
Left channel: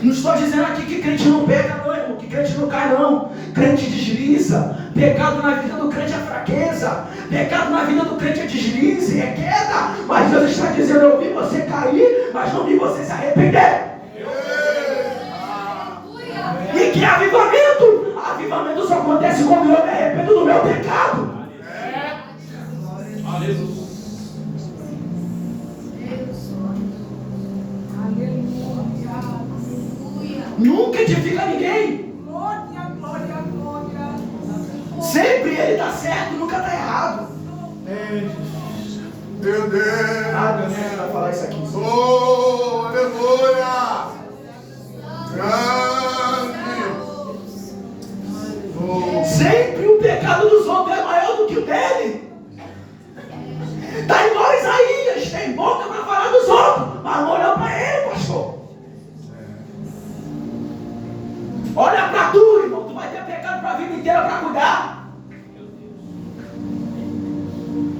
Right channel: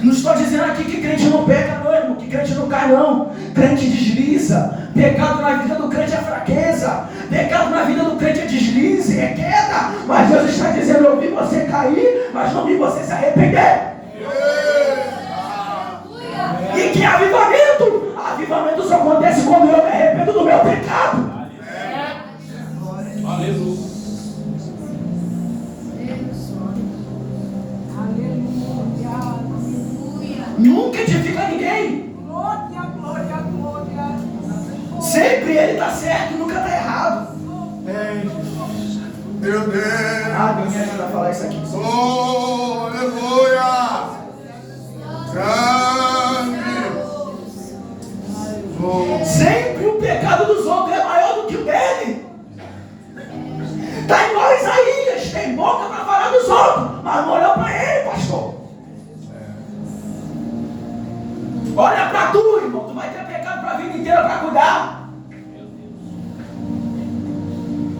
Não estou dizendo aqui que crente não pega, não, irmão. Que crente não cai, não. Crente desliza. Pecado na vida do crente é fraqueza. Pecado na vida do crente é deslize, é queda. Mas Deus está dizendo: eu vi você cair, mas não vi você se arrepender. E que avivamento? Avivamento só acontece quando eu me arrependo do meu pecado. Aleluia. Nunca edifica ninguém. Glória, glória, glória. Sempre ele está certo, nunca está errado. Meu Deus. Deus me ajuda a falar isso aqui. Oh, aleluia. Grande. Oh. Sempre o pecado dos outros é maior do que o dele. Está igual Isaías, tem boca para falar dos outros, mas não olhou para ele, pastor. Olha para tu, irmão, tu vai ter pecado para a vida inteira para cuidar.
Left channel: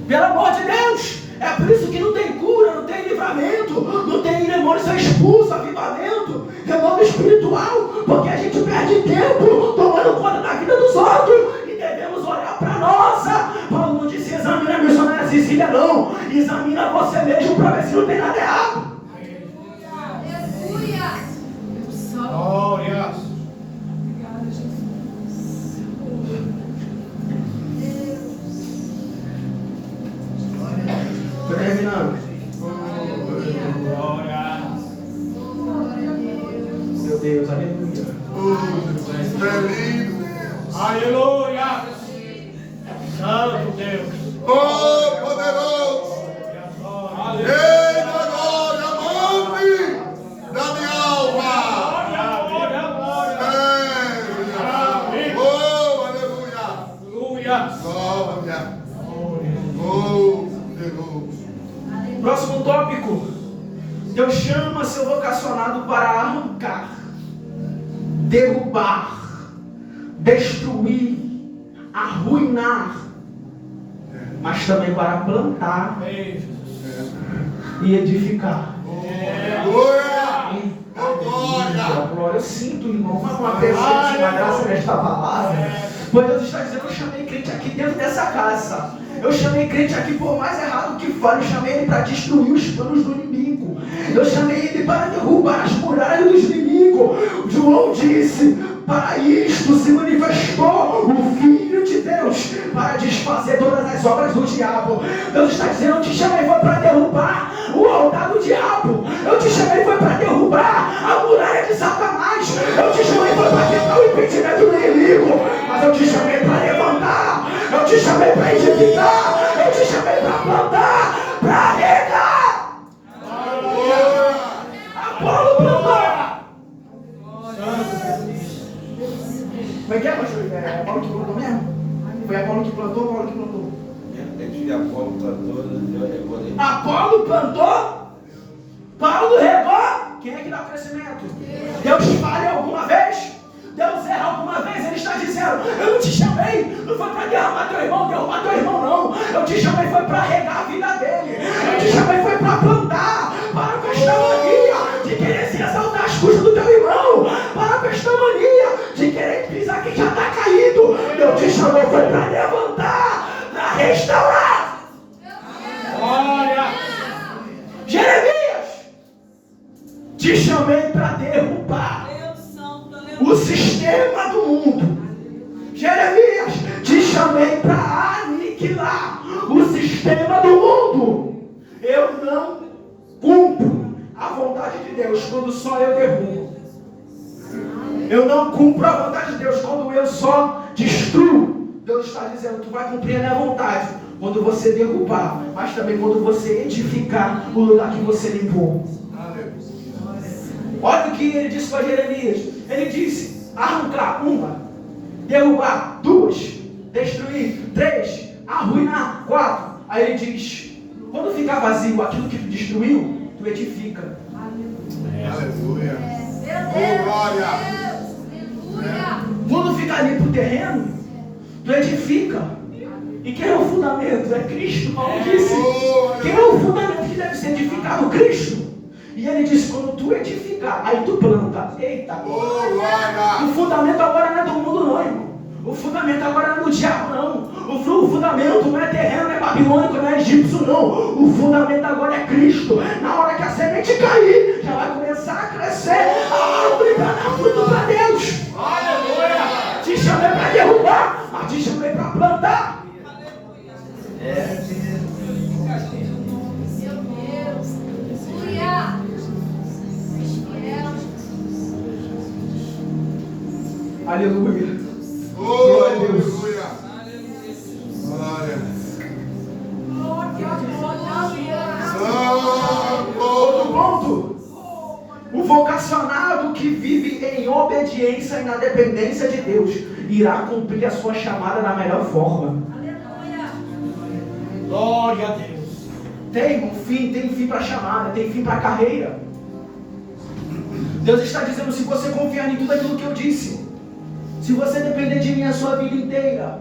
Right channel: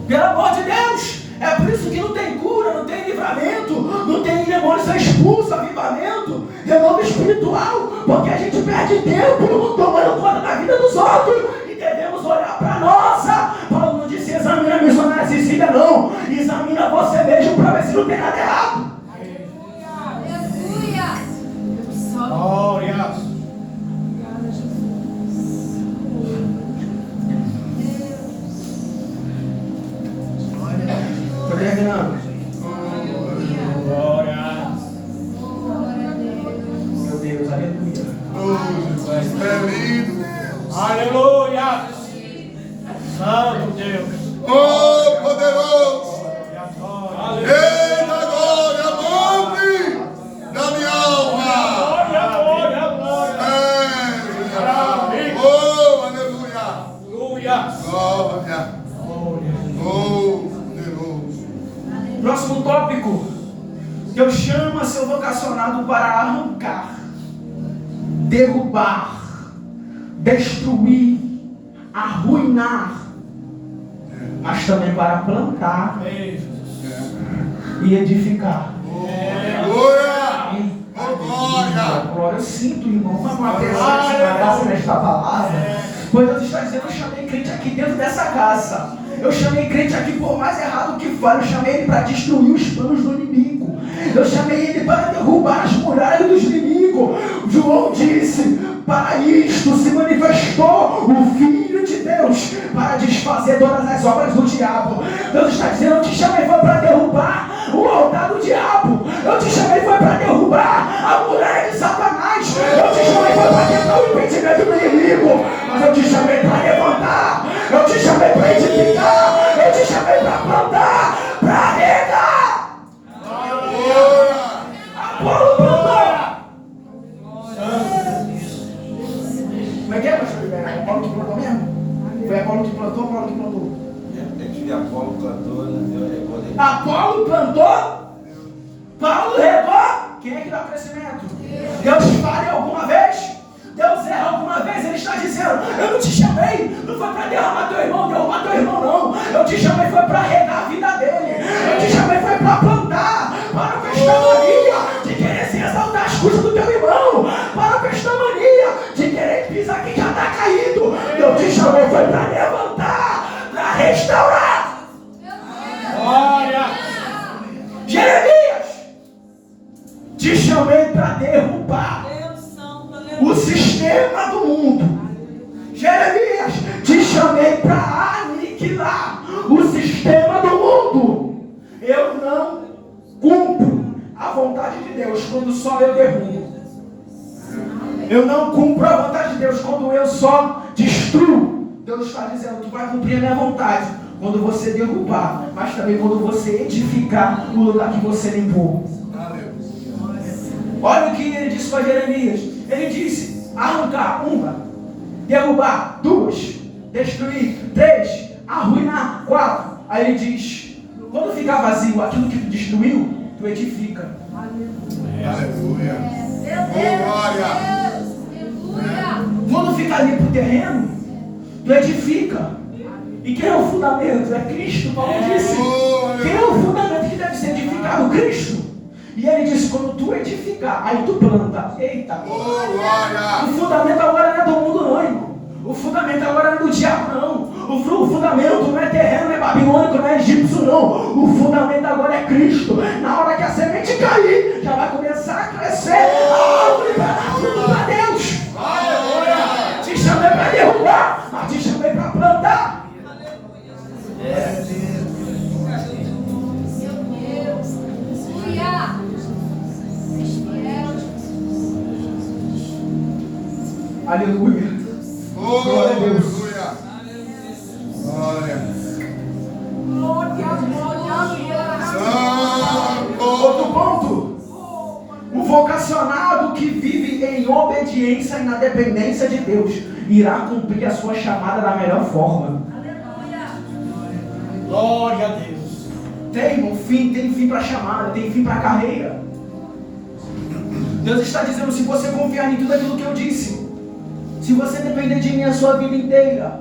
Pelo amor de Deus, é por isso que não tem cura, não tem livramento, não tem demônios são expulsos, avivamento, renovo espiritual, porque a gente perde tempo tomando conta da vida dos outros e devemos olhar para a nossa. Paulo não disse examina a missionária Cecília, não, examina você mesmo para ver se não tem nada errado. Glória. Estou terminando. Glória. Meu Deus, aleluia. Oh, é lindo. Aleluia. Santo Deus. Oh, poderoso. Aleluia. Ei, na glória, monte da minha alma. Glória, glória. É, oh, aleluia. Aleluia. Glória. Oh, poderoso. Próximo tópico. Deus chama seu vocacionado para arrancar, derrubar, destruir, arruinar, mas também para plantar e edificar. Aleluia. Oh, glória. Glória, eu sinto, irmão, uma presença maravilhosa nesta palavra. Pois Deus está dizendo: eu chamei crente aqui dentro dessa casa. Eu chamei crente aqui, por mais errado que for, eu chamei ele para destruir os planos do inimigo. Eu chamei ele para derrubar as muralhas dos inimigos. João disse: para isto se manifestou o Filho de Deus, para desfazer todas as obras do diabo. Deus está dizendo: eu te chamei foi para derrubar o altar do diabo. Eu te chamei foi para derrubar a muralha de Satanás. Eu te chamei foi para quebrar o impedimento do inimigo. Mas eu te chamei para levantar. Eu te chamei para edificar. Eu te chamei para plantar, para regar. Apolo plantou. Como é que é, pastor? É Apolo que plantou mesmo? Foi Apolo que plantou ou Apolo que plantou? Apolo plantou, Deus regou. Apolo plantou, Paulo regou. Quem é que dá crescimento? Deus falha alguma vez? Deus erra alguma vez? Ele está dizendo: eu não te chamei, não foi para derrubar teu irmão, não. Eu te chamei foi para regar a vida dele. Eu te chamei foi para plantar. Para com esta mania de querer se exaltar às custas do teu irmão. Para com esta mania de querer pisar quem já está caído. Eu te chamei foi para levantar, para restaurar. Glória. Jeremias, te chamei para derrubar o sistema do mundo. Jeremias, te chamei para aniquilar o sistema do mundo. Eu não cumpro a vontade de Deus quando só eu derrubo. Eu não cumpro a vontade de Deus quando eu só destruo. Deus está dizendo, tu vai cumprir a minha vontade quando você derrubar, mas também quando você edificar o lugar que você limpou. Olha o que ele disse para Jeremias. Ele disse, arrancar uma, derrubar duas, destruir três, arruinar quatro. Aí ele diz, quando ficar vazio aquilo que tu destruiu, tu edifica. Aleluia. Oh, glória. Quando ficar limpo o terreno, tu edifica. E quem é o fundamento? É Cristo, Paulo disse. Quem é o fundamento que deve ser edificado? Cristo. E ele disse, quando tu edificar, aí tu planta. Eita. O fundamento agora não é do mundo não, irmão. O fundamento agora não é do diabo não. O fundamento não é terreno, não é babilônico, não é egípcio não. O fundamento agora é Cristo. Na hora que a semente cair, já vai começar a crescer a árvore para dar fruto para Deus. Aleluia. Te chamei para derrubar, mas te chamei para plantar. Aleluia. Glória a Deus. Outro ponto. O vocacionado que vive em obediência e na dependência de Deus irá cumprir a sua chamada da melhor forma. Glória a Deus. Tem fim para a chamada, tem fim para a carreira. Deus está dizendo, se você confiar em tudo aquilo que eu disse, se você depender de mim a sua vida inteira,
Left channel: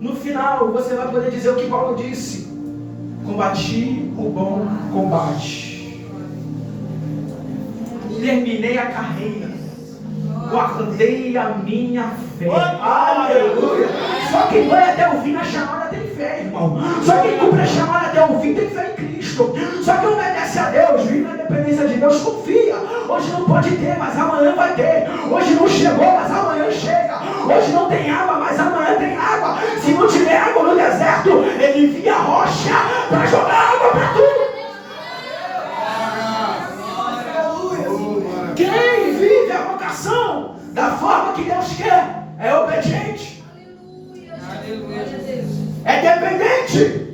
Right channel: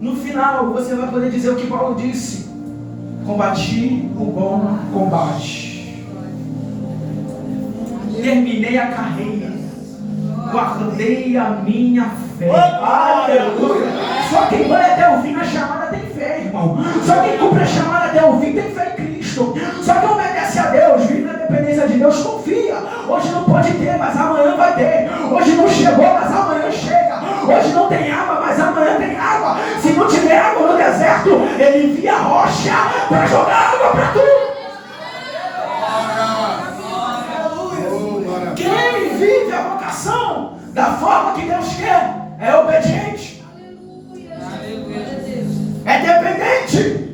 no final você vai poder dizer o que Paulo disse: combati o bom combate, terminei a carreira, guardei a minha fé. Aleluia! Só quem vai até o fim na chamada tem fé, irmão. Só quem cumpre a chamada até o fim tem fé em Cristo. Só quem obedece a Deus, vive na dependência de Deus, confia. Hoje não pode ter, mas amanhã vai ter. Hoje não chegou, mas amanhã chega. Hoje não tem água, mas amanhã tem água. Se não tiver água no deserto, ele envia a rocha para jogar água para tudo. Quem vive a vocação da forma que Deus quer é obediente, é dependente.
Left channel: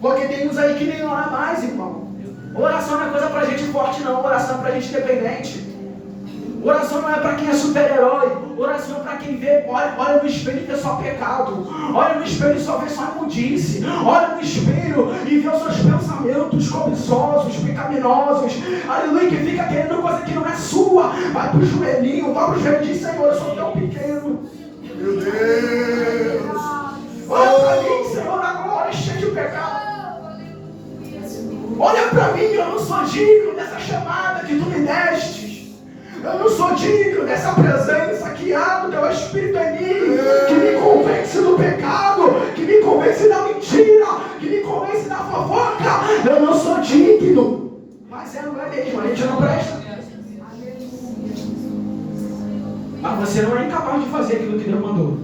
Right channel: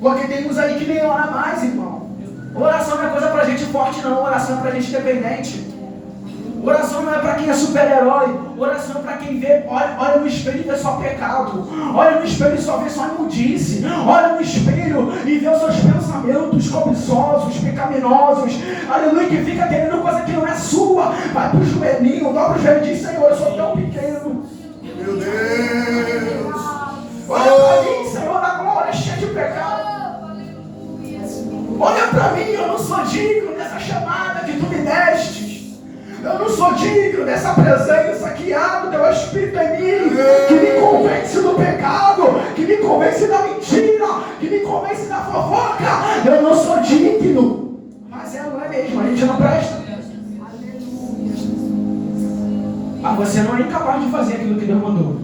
Porque tem uns aí que nem ora mais, irmão. Oração não é coisa pra gente forte não, oração é pra gente dependente. Oração não é para quem é super-herói. Oração é para quem vê, olha no espelho e vê só pecado. Olha no espelho e só vê só imundice. Olha no espelho e vê os seus pensamentos cobiçosos, pecaminosos. Aleluia, que fica querendo coisa que não é sua. Vai pro joelhinho, vai pro joelho e diz: Senhor, eu sou tão pequeno. Meu Deus. Olha para mim, Senhor da glória, cheio de pecado. Olha para mim, eu não sou digno dessa chamada que tu me deste. Eu não sou digno dessa presença que há do teu Espírito em mim, que me convence do pecado, que me convence da mentira, que me convence da fofoca. Eu não sou digno. Mas não é mesmo, a gente não presta. Mas você não é incapaz de fazer aquilo que Deus mandou.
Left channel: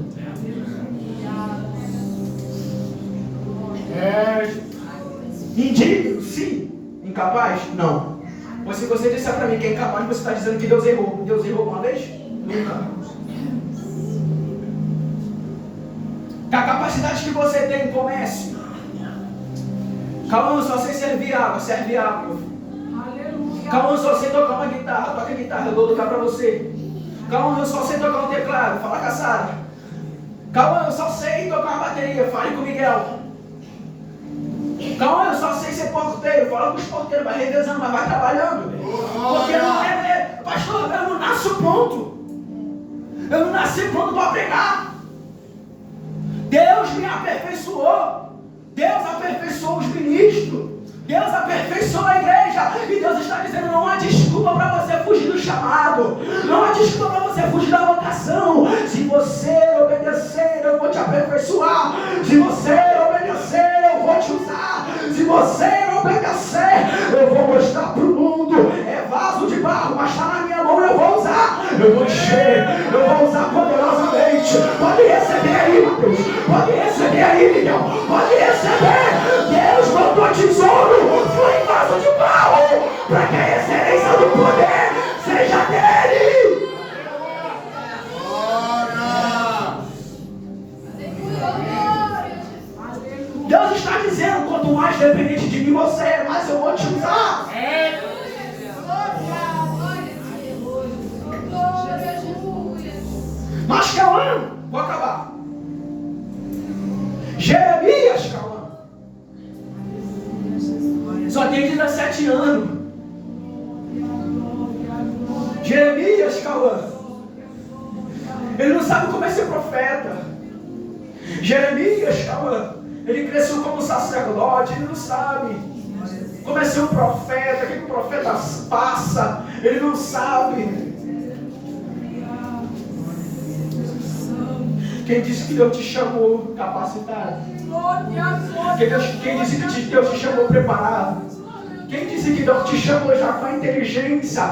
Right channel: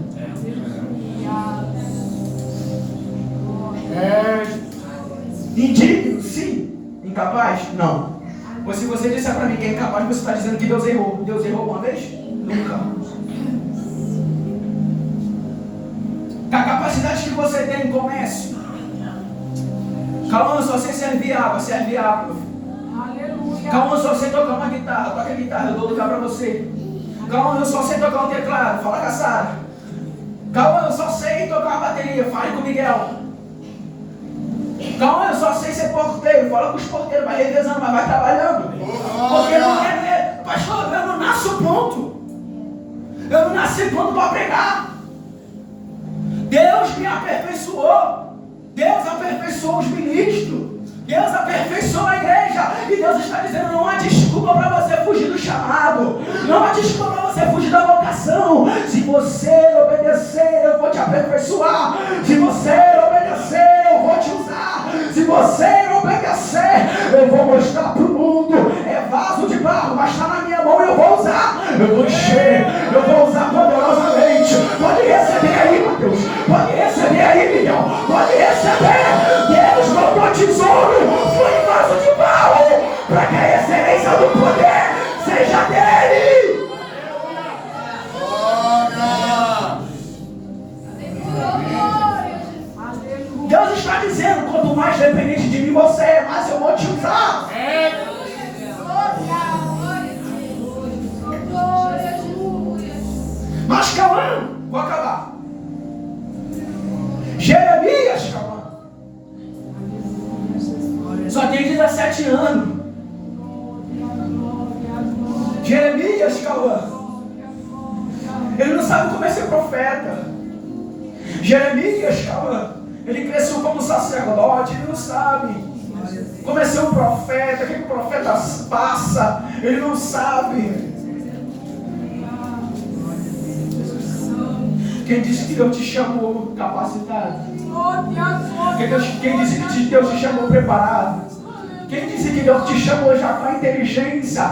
Indigno? Sim. Incapaz? Não. Mas se você disser para mim que é incapaz, você está dizendo que Deus errou. Deus errou uma vez? Nunca. A capacidade que você tem, comece. Calma, só sei servir água, serve água. Calma, só sei tocar uma guitarra, toca a guitarra, eu dou lugar para você. Calma, eu só sei tocar um teclado, fala com a Sara. Calma, eu só sei tocar uma bateria, fale com o Miguel. Calma, eu só sei ser porteiro, fala com os porteiros, vai revezando, mas vai trabalhando. Porque não é, pastor, eu não nasço pronto. Eu não nasci pronto para pregar. Deus me aperfeiçoou. Deus aperfeiçoou os ministros. Deus aperfeiçoou a igreja. E Deus está dizendo, não há desculpa para você fugir do chamado. Não há desculpa para você fugir da vocação. Se você obedecer, eu vou te aperfeiçoar. Se você obedecer, eu vou te usar. Se você obedecer, eu vou mostrar para o mundo. É vaso de barro, mas está na minha mão, eu vou usar. Eu vou encher, eu vou usar poderosamente. Pode receber aí, Mateus. Pode receber aí, Miguel. Pode receber. Deus botou tesouro, foi em vaso de barro, para que a excelência do poder seja dele. engano. Jeremias, Cauã, ele não sabe como é ser profeta. Jeremias, Cauã, ele cresceu como sacerdote, ele não sabe como é ser um profeta, o que o profeta passa, ele não sabe. Quem disse que Deus te chamou capacitado? Quem disse que Deus te chamou preparado? Quem disse que Deus te chamou já com a inteligência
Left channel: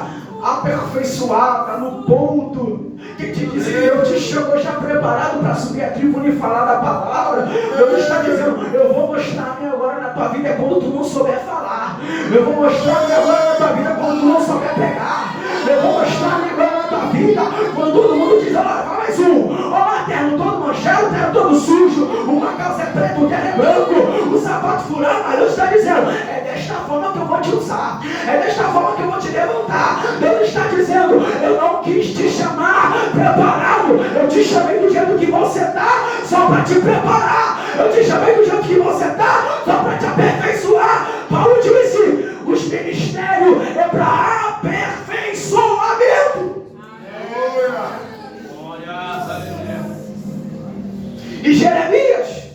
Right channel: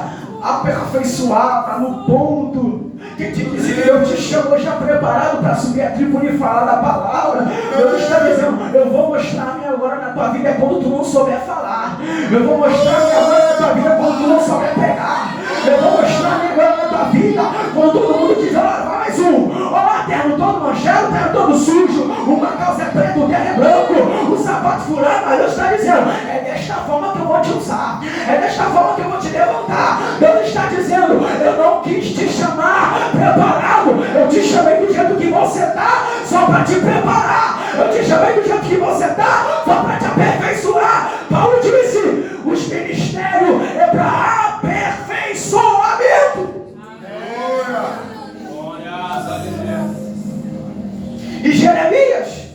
aperfeiçoada, no ponto? Quem te disse que Deus te chamou já preparado para subir a tribuna e falar da palavra? Deus está dizendo, eu vou mostrar a minha glória na tua vida quando tu não souber falar. Eu vou mostrar a minha glória na tua vida quando tu não souber pregar. Eu vou mostrar a minha glória na tua vida quando todo mundo diz, olha, vai mais um. Olha, terno todo manchado, terno todo sujo, uma calça é preta, o terno é branco, o sapato furado, mas Deus está dizendo, é desta forma que eu vou te usar, é desta forma que eu vou te levantar. Deus está dizendo, eu não quis te chamar preparado, eu te chamei do jeito que você está, só para te preparar. Eu te chamei do jeito que você está, só para te aperfeiçoar. Paulo disse, os ministérios é para aperfeiçoamento. E Jeremias,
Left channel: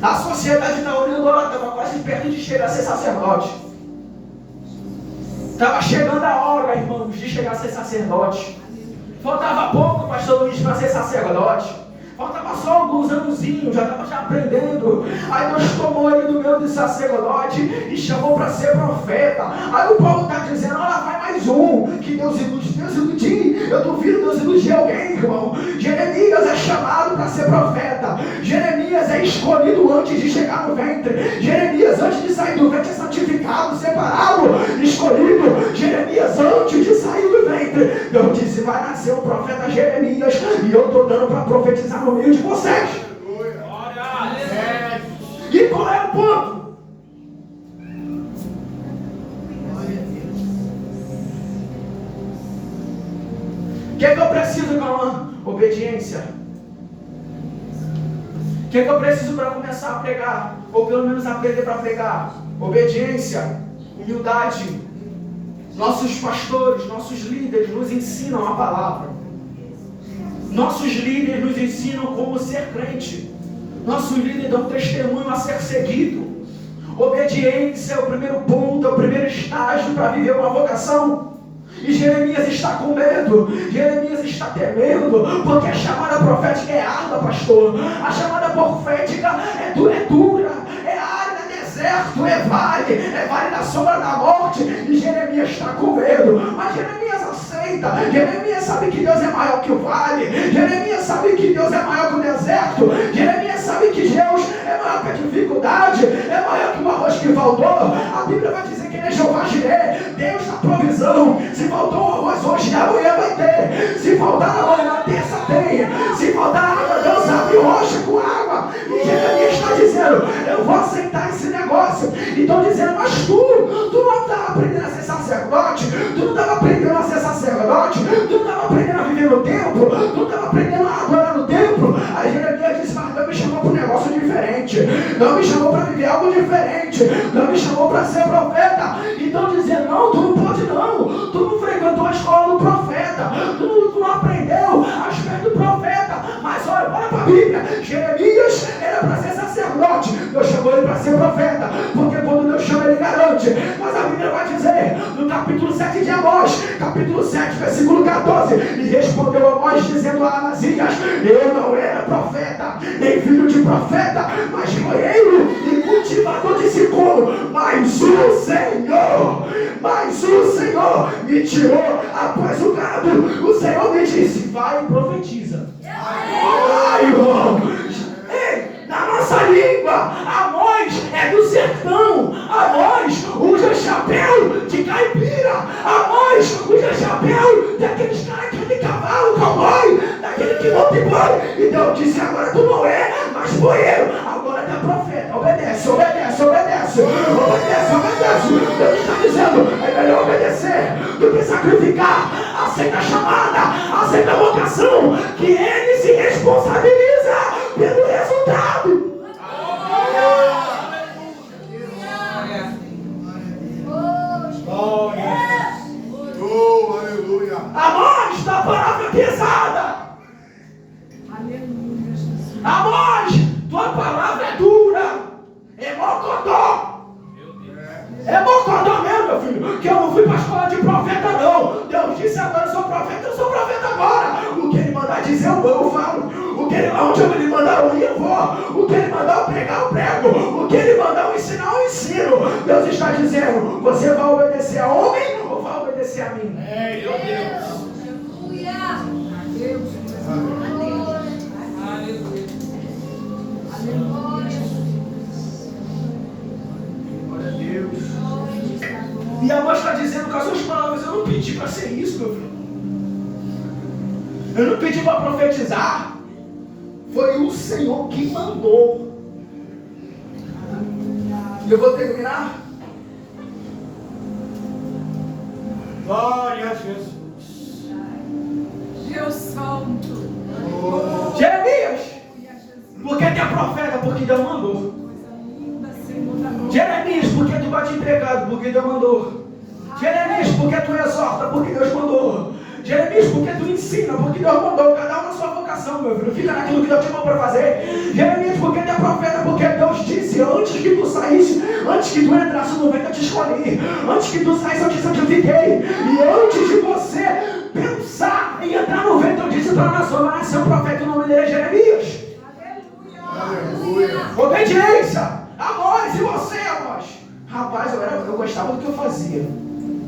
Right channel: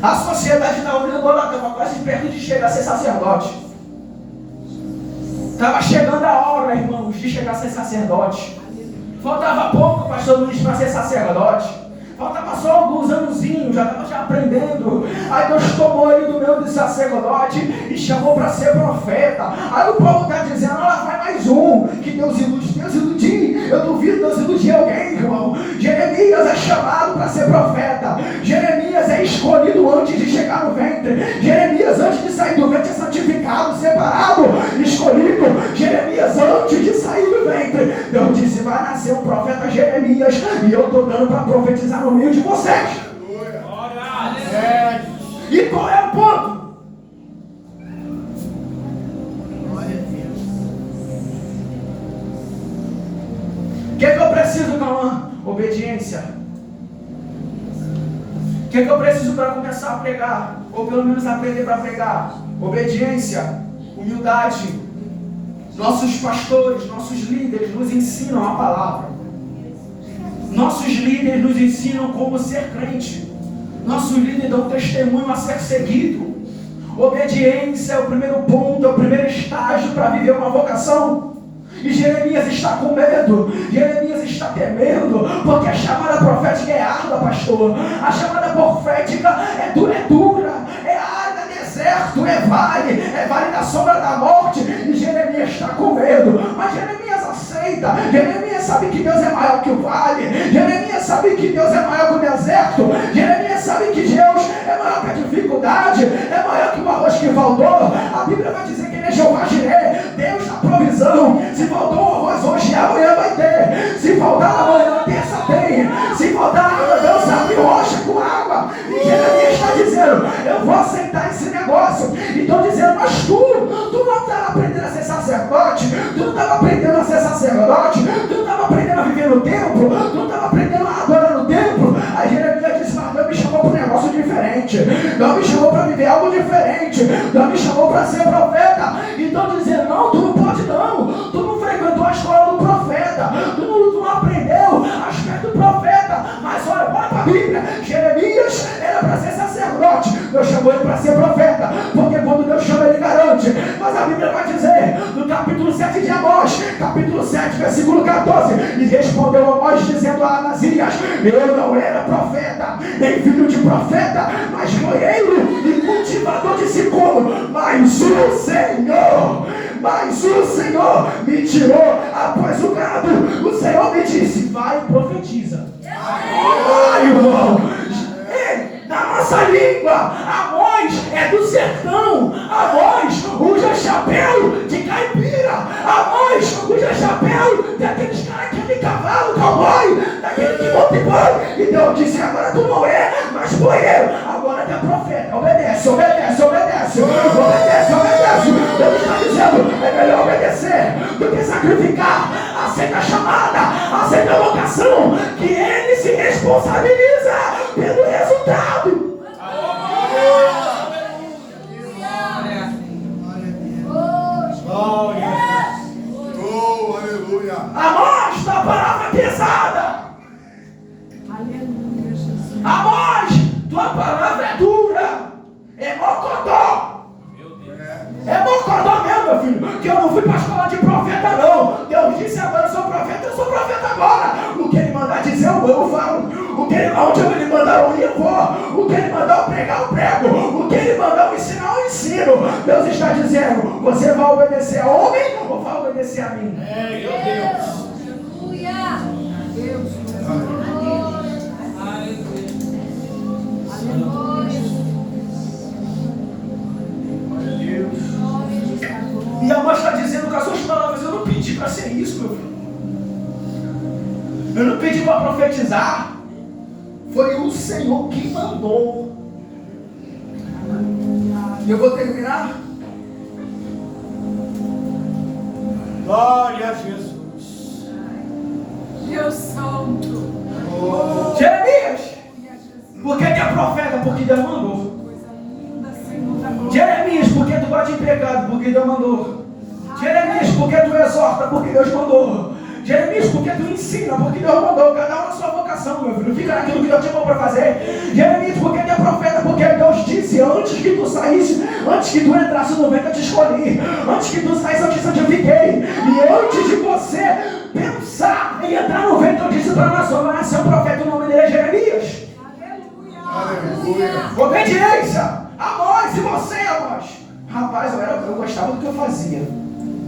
a sociedade está olhando, ela estava quase perto de chegar a ser sacerdote. Estava chegando a hora, irmãos, de chegar a ser sacerdote. Faltava pouco, pastor Luiz, para ser sacerdote. Faltava só alguns anozinhos, já estava aprendendo. Aí Deus tomou ele do meio de sacerdote e chamou para ser profeta. Aí o Paulo está dizendo, olha, vai mais um, que Deus ilude. Deus iludir, eu duvido Deus iludir alguém, irmão. Jeremias é chamado para ser profeta. Jeremias é escolhido antes de chegar no ventre. Jeremias antes de sair do ventre é santificado, separado, escolhido. Jeremias antes de sair do ventre, Deus disse, vai nascer um profeta Jeremias, e eu estou dando para profetizar no meio de vocês. E qual é o ponto? O que eu preciso, Cauã? Obediência. O que eu preciso para começar a pregar? Ou pelo menos aprender para pregar? Obediência, humildade. Nossos pastores, nossos líderes nos ensinam a palavra. Nossos líderes nos ensinam como ser crente. Nossos líderes dão testemunho a ser seguido. Obediência é o primeiro ponto, é o primeiro estágio para viver uma vocação. E Jeremias está com medo, Jeremias está temendo, porque a chamada profética é árdua, pastor. A chamada profética é dura, é área, deserto, é vale da sombra da morte. E Jeremias está com medo, mas Jeremias aceita. Jeremias sabe que Deus é maior que o vale, Jeremias sabe que Deus é maior que o deserto, Jeremias sabe que Deus é maior que a dificuldade, é maior que o arroz que faltou. A Bíblia vai dizer que ele é Jeová Jireh, Deus dá provisão. Se faltou o arroz hoje, amanhã vai ter. Se faltar amanhã, na terça tem. Se faltar água, Deus abre rocha com água. E Jeremias está dizendo, eu vou aceitar esse negócio. E estão dizendo, mas tu não estava aprendendo a ser sacerdote, tu não estava aprendendo a ser sacerdote, tu não estava aprendendo a viver no templo, tu não estava aprendendo a adorar no templo. Aí Jeremias disse, mas Deus me chamou para um negócio diferente, Deus me chamou para viver algo diferente, Deus me chamou para ser profeta. E estão dizendo, não, tu não pode não, tu não frequentou a escola do profeta, tu não aprendeu aspecto do profeta. Mas olha para a Bíblia, Jeremias era para ser sacerdote, Deus chamou ele para ser profeta, porque quando Deus chama ele garante. Mas a Bíblia vai dizer, no capítulo 7 de Amós, capítulo 7, versículo 14, e respondeu Amós dizendo a Amazias, eu não era profeta, nem filho de profeta, mas moreiro e cultivador de sicômoro, mas o Senhor me tirou após o gado. O Senhor me disse, vai e profetiza. Ai, irmão, na nossa língua, Amós é do sertão. Amós usa chapéu de caipira. Amós usa chapéu daqueles caras que tem cavalo, cowboy, daquele que monta em boi. E Deus disse, agora tu não é mais boeiro, agora tu é profeta. Obedece. Deus está dizendo, é melhor obedecer do que sacrificar. Aceita a chamada, aceita a vocação, que ele se responsabiliza pelo resultado. meu filho, que eu não fui para a escola de profeta, não. Deus disse agora eu sou profeta agora. O que ele mandar dizer, eu falo. Onde ele mandar eu ir, eu vou. O que ele mandar eu pregar, eu prego. O que ele mandar eu ensinar, eu ensino. Deus está dizendo, você vai obedecer a homem ou vai obedecer a mim? Meu Deus. E a voz está dizendo com as suas palavras, eu não pedi para ser isso, meu filho. Eu não pedi para profetizar. Foi o Senhor que mandou. E eu vou terminar. Glória a Jesus. Deus Santo. Jeremias, por que é profeta? Porque Deus mandou. Jeremias, porque tu bate em pecado? Porque Deus mandou. Jeremias, porque tu exorta? Porque Deus mandou. Jeremias, porque tu ensina? Porque Deus mandou. Cada um na sua vocação, meu filho. Fica naquilo que Deus te chamou para fazer. Jeremias, porque tu é profeta? Porque Deus disse, antes que tu saísse, antes que tu entrasse no ventre, eu te escolhi. Antes que tu saísse, eu te santifiquei. E antes de você pensar em entrar no ventre, eu disse para a nação, vai nascer um profeta, o nome dele é Jeremias. Aleluia. Obediência. Amós, e você, Amós? Rapaz, eu gostava do que eu fazia.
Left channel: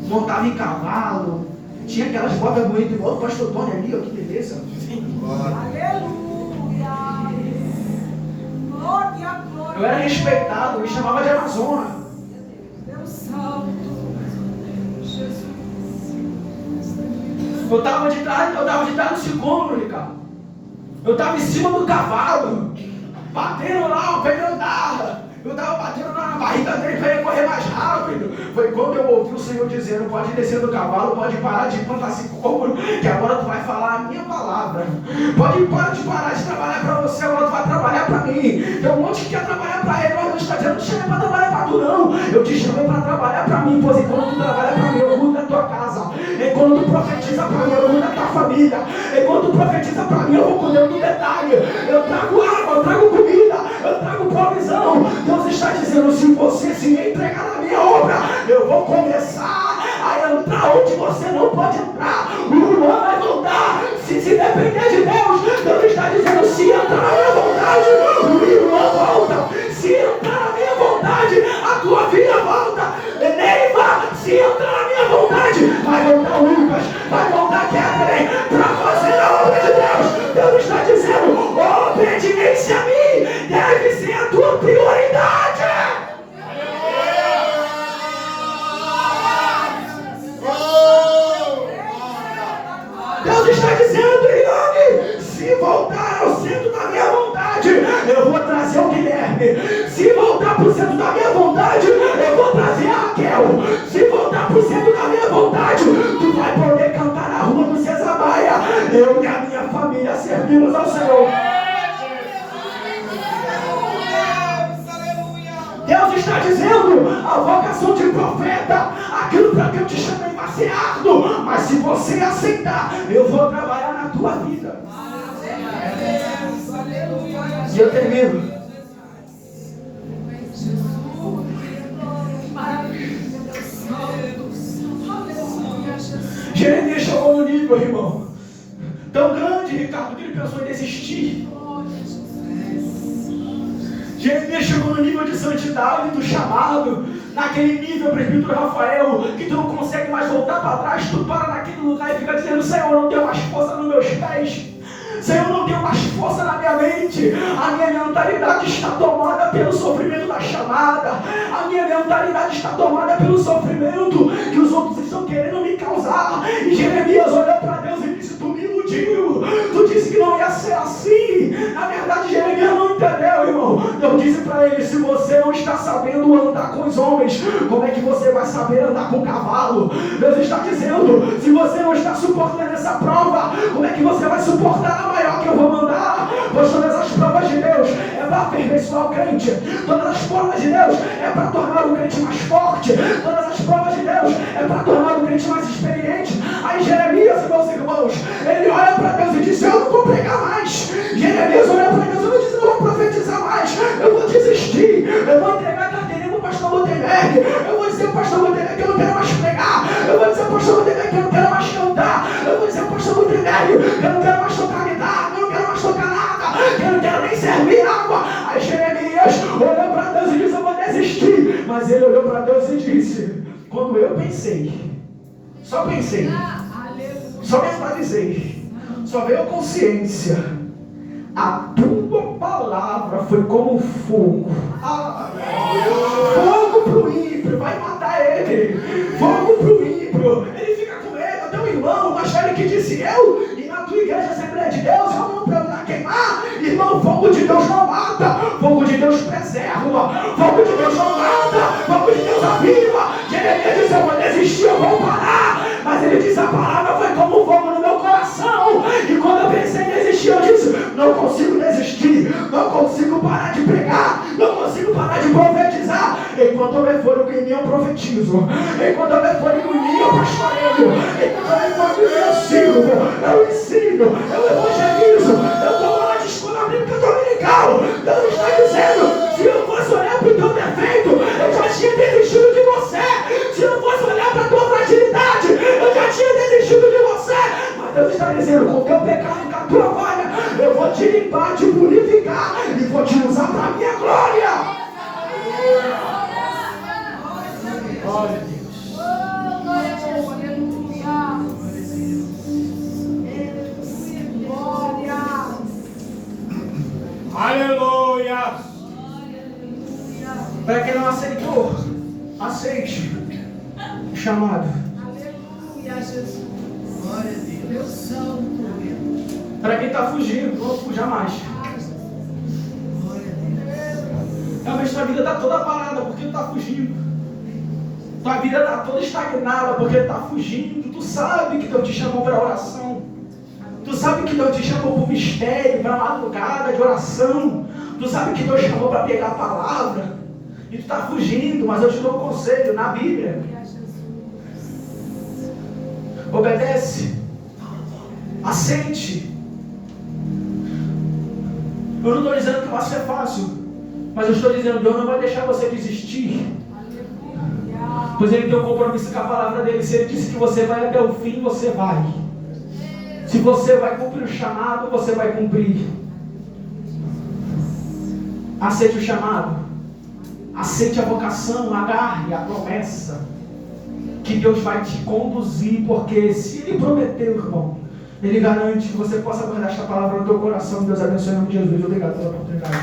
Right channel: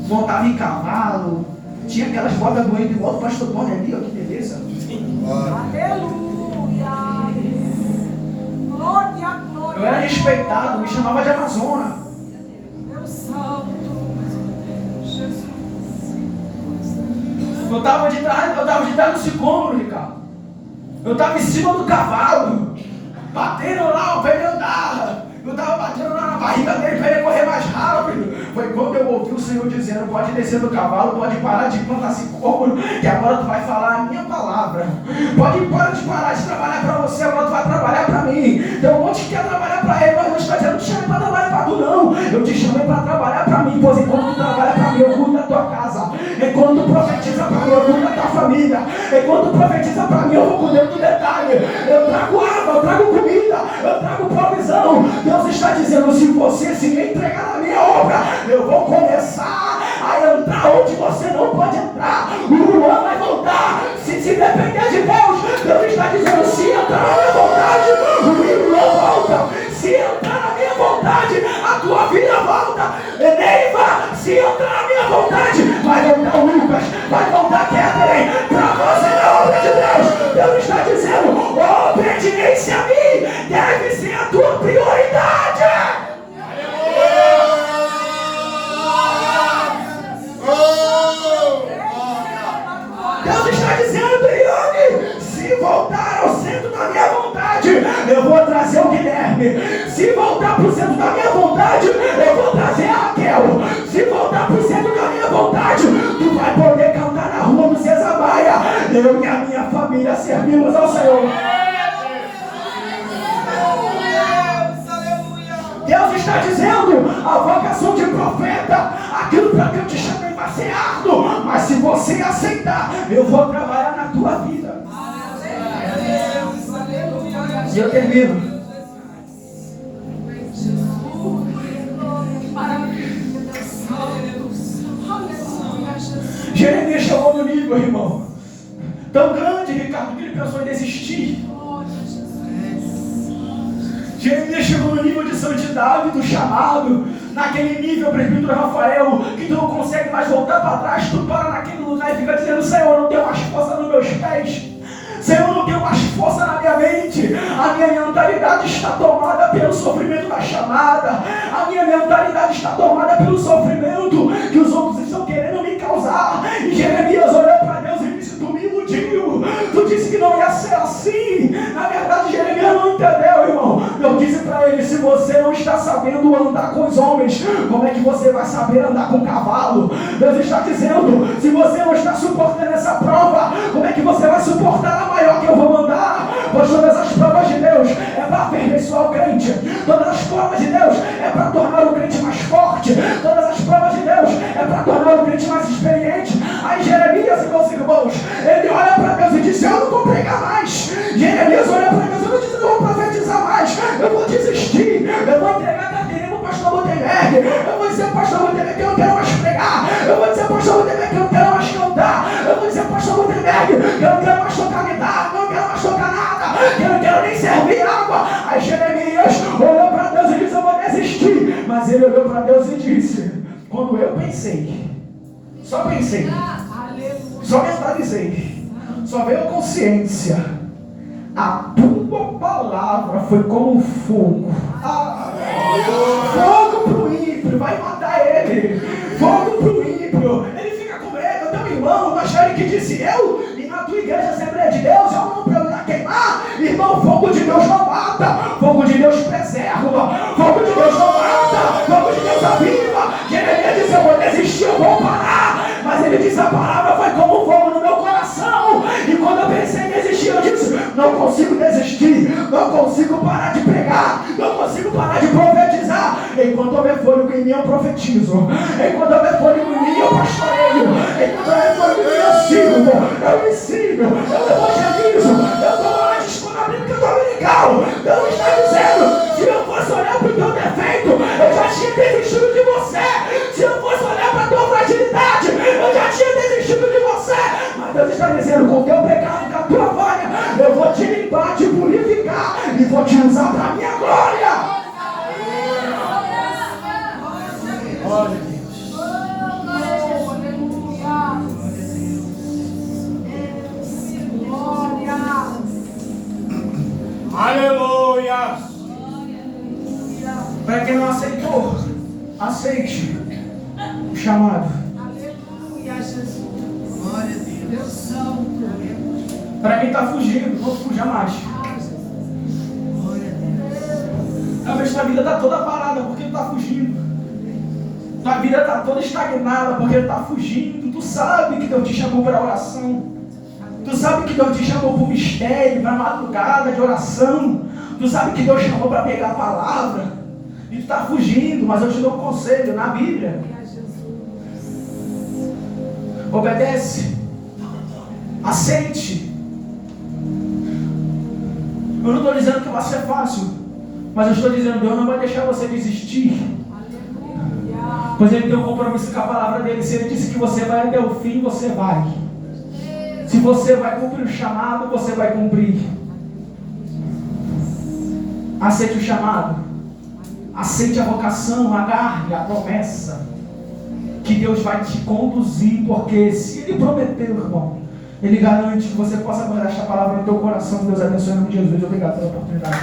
Montava em cavalo. Tinha aquelas botas bonitas igual o pastor Tony ali, ó, que beleza. Aleluia. Glória, glória. Eu era respeitado, me chamava de Amazona. Deus Santo. Jesus. Eu estava de trás do sicômoro, Ricardo. Eu estava em cima do cavalo. Batendo lá, o pneu andava. Eu estava batendo lá na barriga dele para ele correr mais rápido. Foi quando eu ouvi o Senhor dizendo, pode descer do cavalo, pode parar de plantar sicômoro, que agora tu vai falar a minha palavra. Pode parar de trabalhar para você, agora tu vai trabalhar para mim. Tem um monte que quer trabalhar para ele, mas Deus está dizendo, não te chamei para trabalhar para tu não. Eu te chamei para trabalhar para mim, pois enquanto tu trabalha para mim, eu cuido da tua casa. Enquanto tu profetiza para mim, eu cuido da tua família. Enquanto tu profetiza para mim, eu vou cuidar do detalhe. Eu trago água, eu trago comida, eu trago provisão. Deus está dizendo, se você se entregar na minha obra, eu vou começar a entrar onde você não pode entrar. O Luan vai voltar. Se depender de Deus, Deus está dizendo, se entrar na minha vontade, o Luan volta. Se entrar na minha vontade, a tua filha volta. Neiva, se entrar na minha vontade, vai voltar o Lucas, vai voltar Catherine. Para você na obra de Deus, Deus está dizendo, obediência a mim deve ser a tua prioridade. Deus está dizendo, Ione, se voltar ao centro da minha vontade, eu vou trazer o Guilherme. Se voltar para o centro da minha vontade, eu vou trazer a Raquel. Se voltar para o centro da minha vontade, tu vai poder cantar na rua do César Maia. Eu e a minha família servimos ao Senhor. Deus está dizendo, a vocação de profeta, aquilo para que eu te chamei vai ser árduo, mas se você aceitar, eu vou trabalhar na tua vida. E eu termino. Jeremias chegou no nível, irmão, tão grande, Ricardo, que ele pensou em desistir. Jeremias chegou no nível de santidade, do chamado, naquele nível, presbítero Rafael, que tu não consegue mais voltar para trás, tu para naquele lugar e fica dizendo, Senhor, não tenho mais força nos meus pés, Senhor, não tenho mais força na minha mente, a minha mentalidade está tomada pelo sofrimento da chamada, a minha mentalidade está tomada pelo sofrimento que os outros estão querendo me causar. E Jeremias olhou para Deus e disse, tu me iludiu, tu disse que não ia ser assim. Na verdade, Jeremias não entendeu, irmão. Deus disse para ele, se você não está sabendo andar com os homens, como é que você vai saber andar com o cavalo? Deus está dizendo, se você não está suportando essa prova, como é que você vai suportar a maior que eu vou mandar? Pois todas as provas de Deus é para aperfeiçoar o crente. Todas as provas de Deus é para tornar o crente mais forte. Todas as provas de Deus é para tornar o crente mais experiente. Aí Jeremias, meus irmãos, ele olha para Deus e diz, eu não vou pregar mais. Jeremias olha para Deus e não diz, eu não vou profetizar mais. Eu vou desistir. Eu vou entregar a carteirinha para o pastor Montenegro. Eu vou dizer para o pastor Montenegro que eu não quero mais quando eu pensei, só pensei, só mentalizei, só veio a consciência, a tua palavra foi como fogo. Fogo pro ímpio, vai matar ele. Fogo pro ímpio, ele fica com medo. Teu irmão, mas foi ele que disse eu, e na tua igreja Assembleia de Deus, eu não para eu queimar. Irmão, fogo de Deus não mata, fogo de Deus preserva, fogo de Deus não mata, fogo de Deus aviva. Jeremias disse, eu vou desistir, eu vou parar. Mas ele disse, a palavra foi como fogo no meu coração. E quando eu pensei em desistir, eu disse, não consigo desistir, não consigo parar de pregar, não consigo parar de profetizar. Enquanto houver fôlego em mim, eu profetizo. Enquanto houver fôlego em mim, eu pastoreio. Enquanto houver fôlego em mim, eu sirvo, eu ensino, eu evangelizo, eu dou aula de escola bíblica dominical. Deus está dizendo, se eu fosse olhar para o teu defeito, eu já tinha desistido de você. Se eu fosse olhar para a tua fragilidade, eu já tinha desistido de você. Mas Deus está dizendo, com o teu pecado e com a tua falha, eu vou te limpar, te purificar e vou te usar para a minha glória. Glória a Deus. Aleluia. Para quem não aceitou, aceite o chamado. Aleluia, Jesus. Glória a Deus. Deus santo. Para quem está fugindo, não fuja mais. Talvez tua vida está toda parada porque tu está fugindo. Tua vida está toda estagnada porque tu está fugindo. Tu sabe que Deus te chamou para oração. Tu sabe que Deus te chamou para o mistério, para a madrugada de oração. Tu sabe que Deus chamou para pegar a palavra. E tu está fugindo, mas eu te dou um conselho na Bíblia. Obedece. Aceite. Eu não estou dizendo que vai ser fácil, mas eu estou dizendo que Deus não vai deixar você desistir. Pois Ele tem um compromisso com a palavra dele. Se Ele disse que você vai até o fim, você vai. Se você vai cumprir o chamado, você vai cumprir. Aceite o chamado. Aceite a vocação, agarre a promessa. Que Deus vai te conduzir, porque se Ele prometeu, irmão, Ele garante que você possa guardar esta palavra no teu coração. Deus abençoe em nome de Jesus. Obrigado pela oportunidade.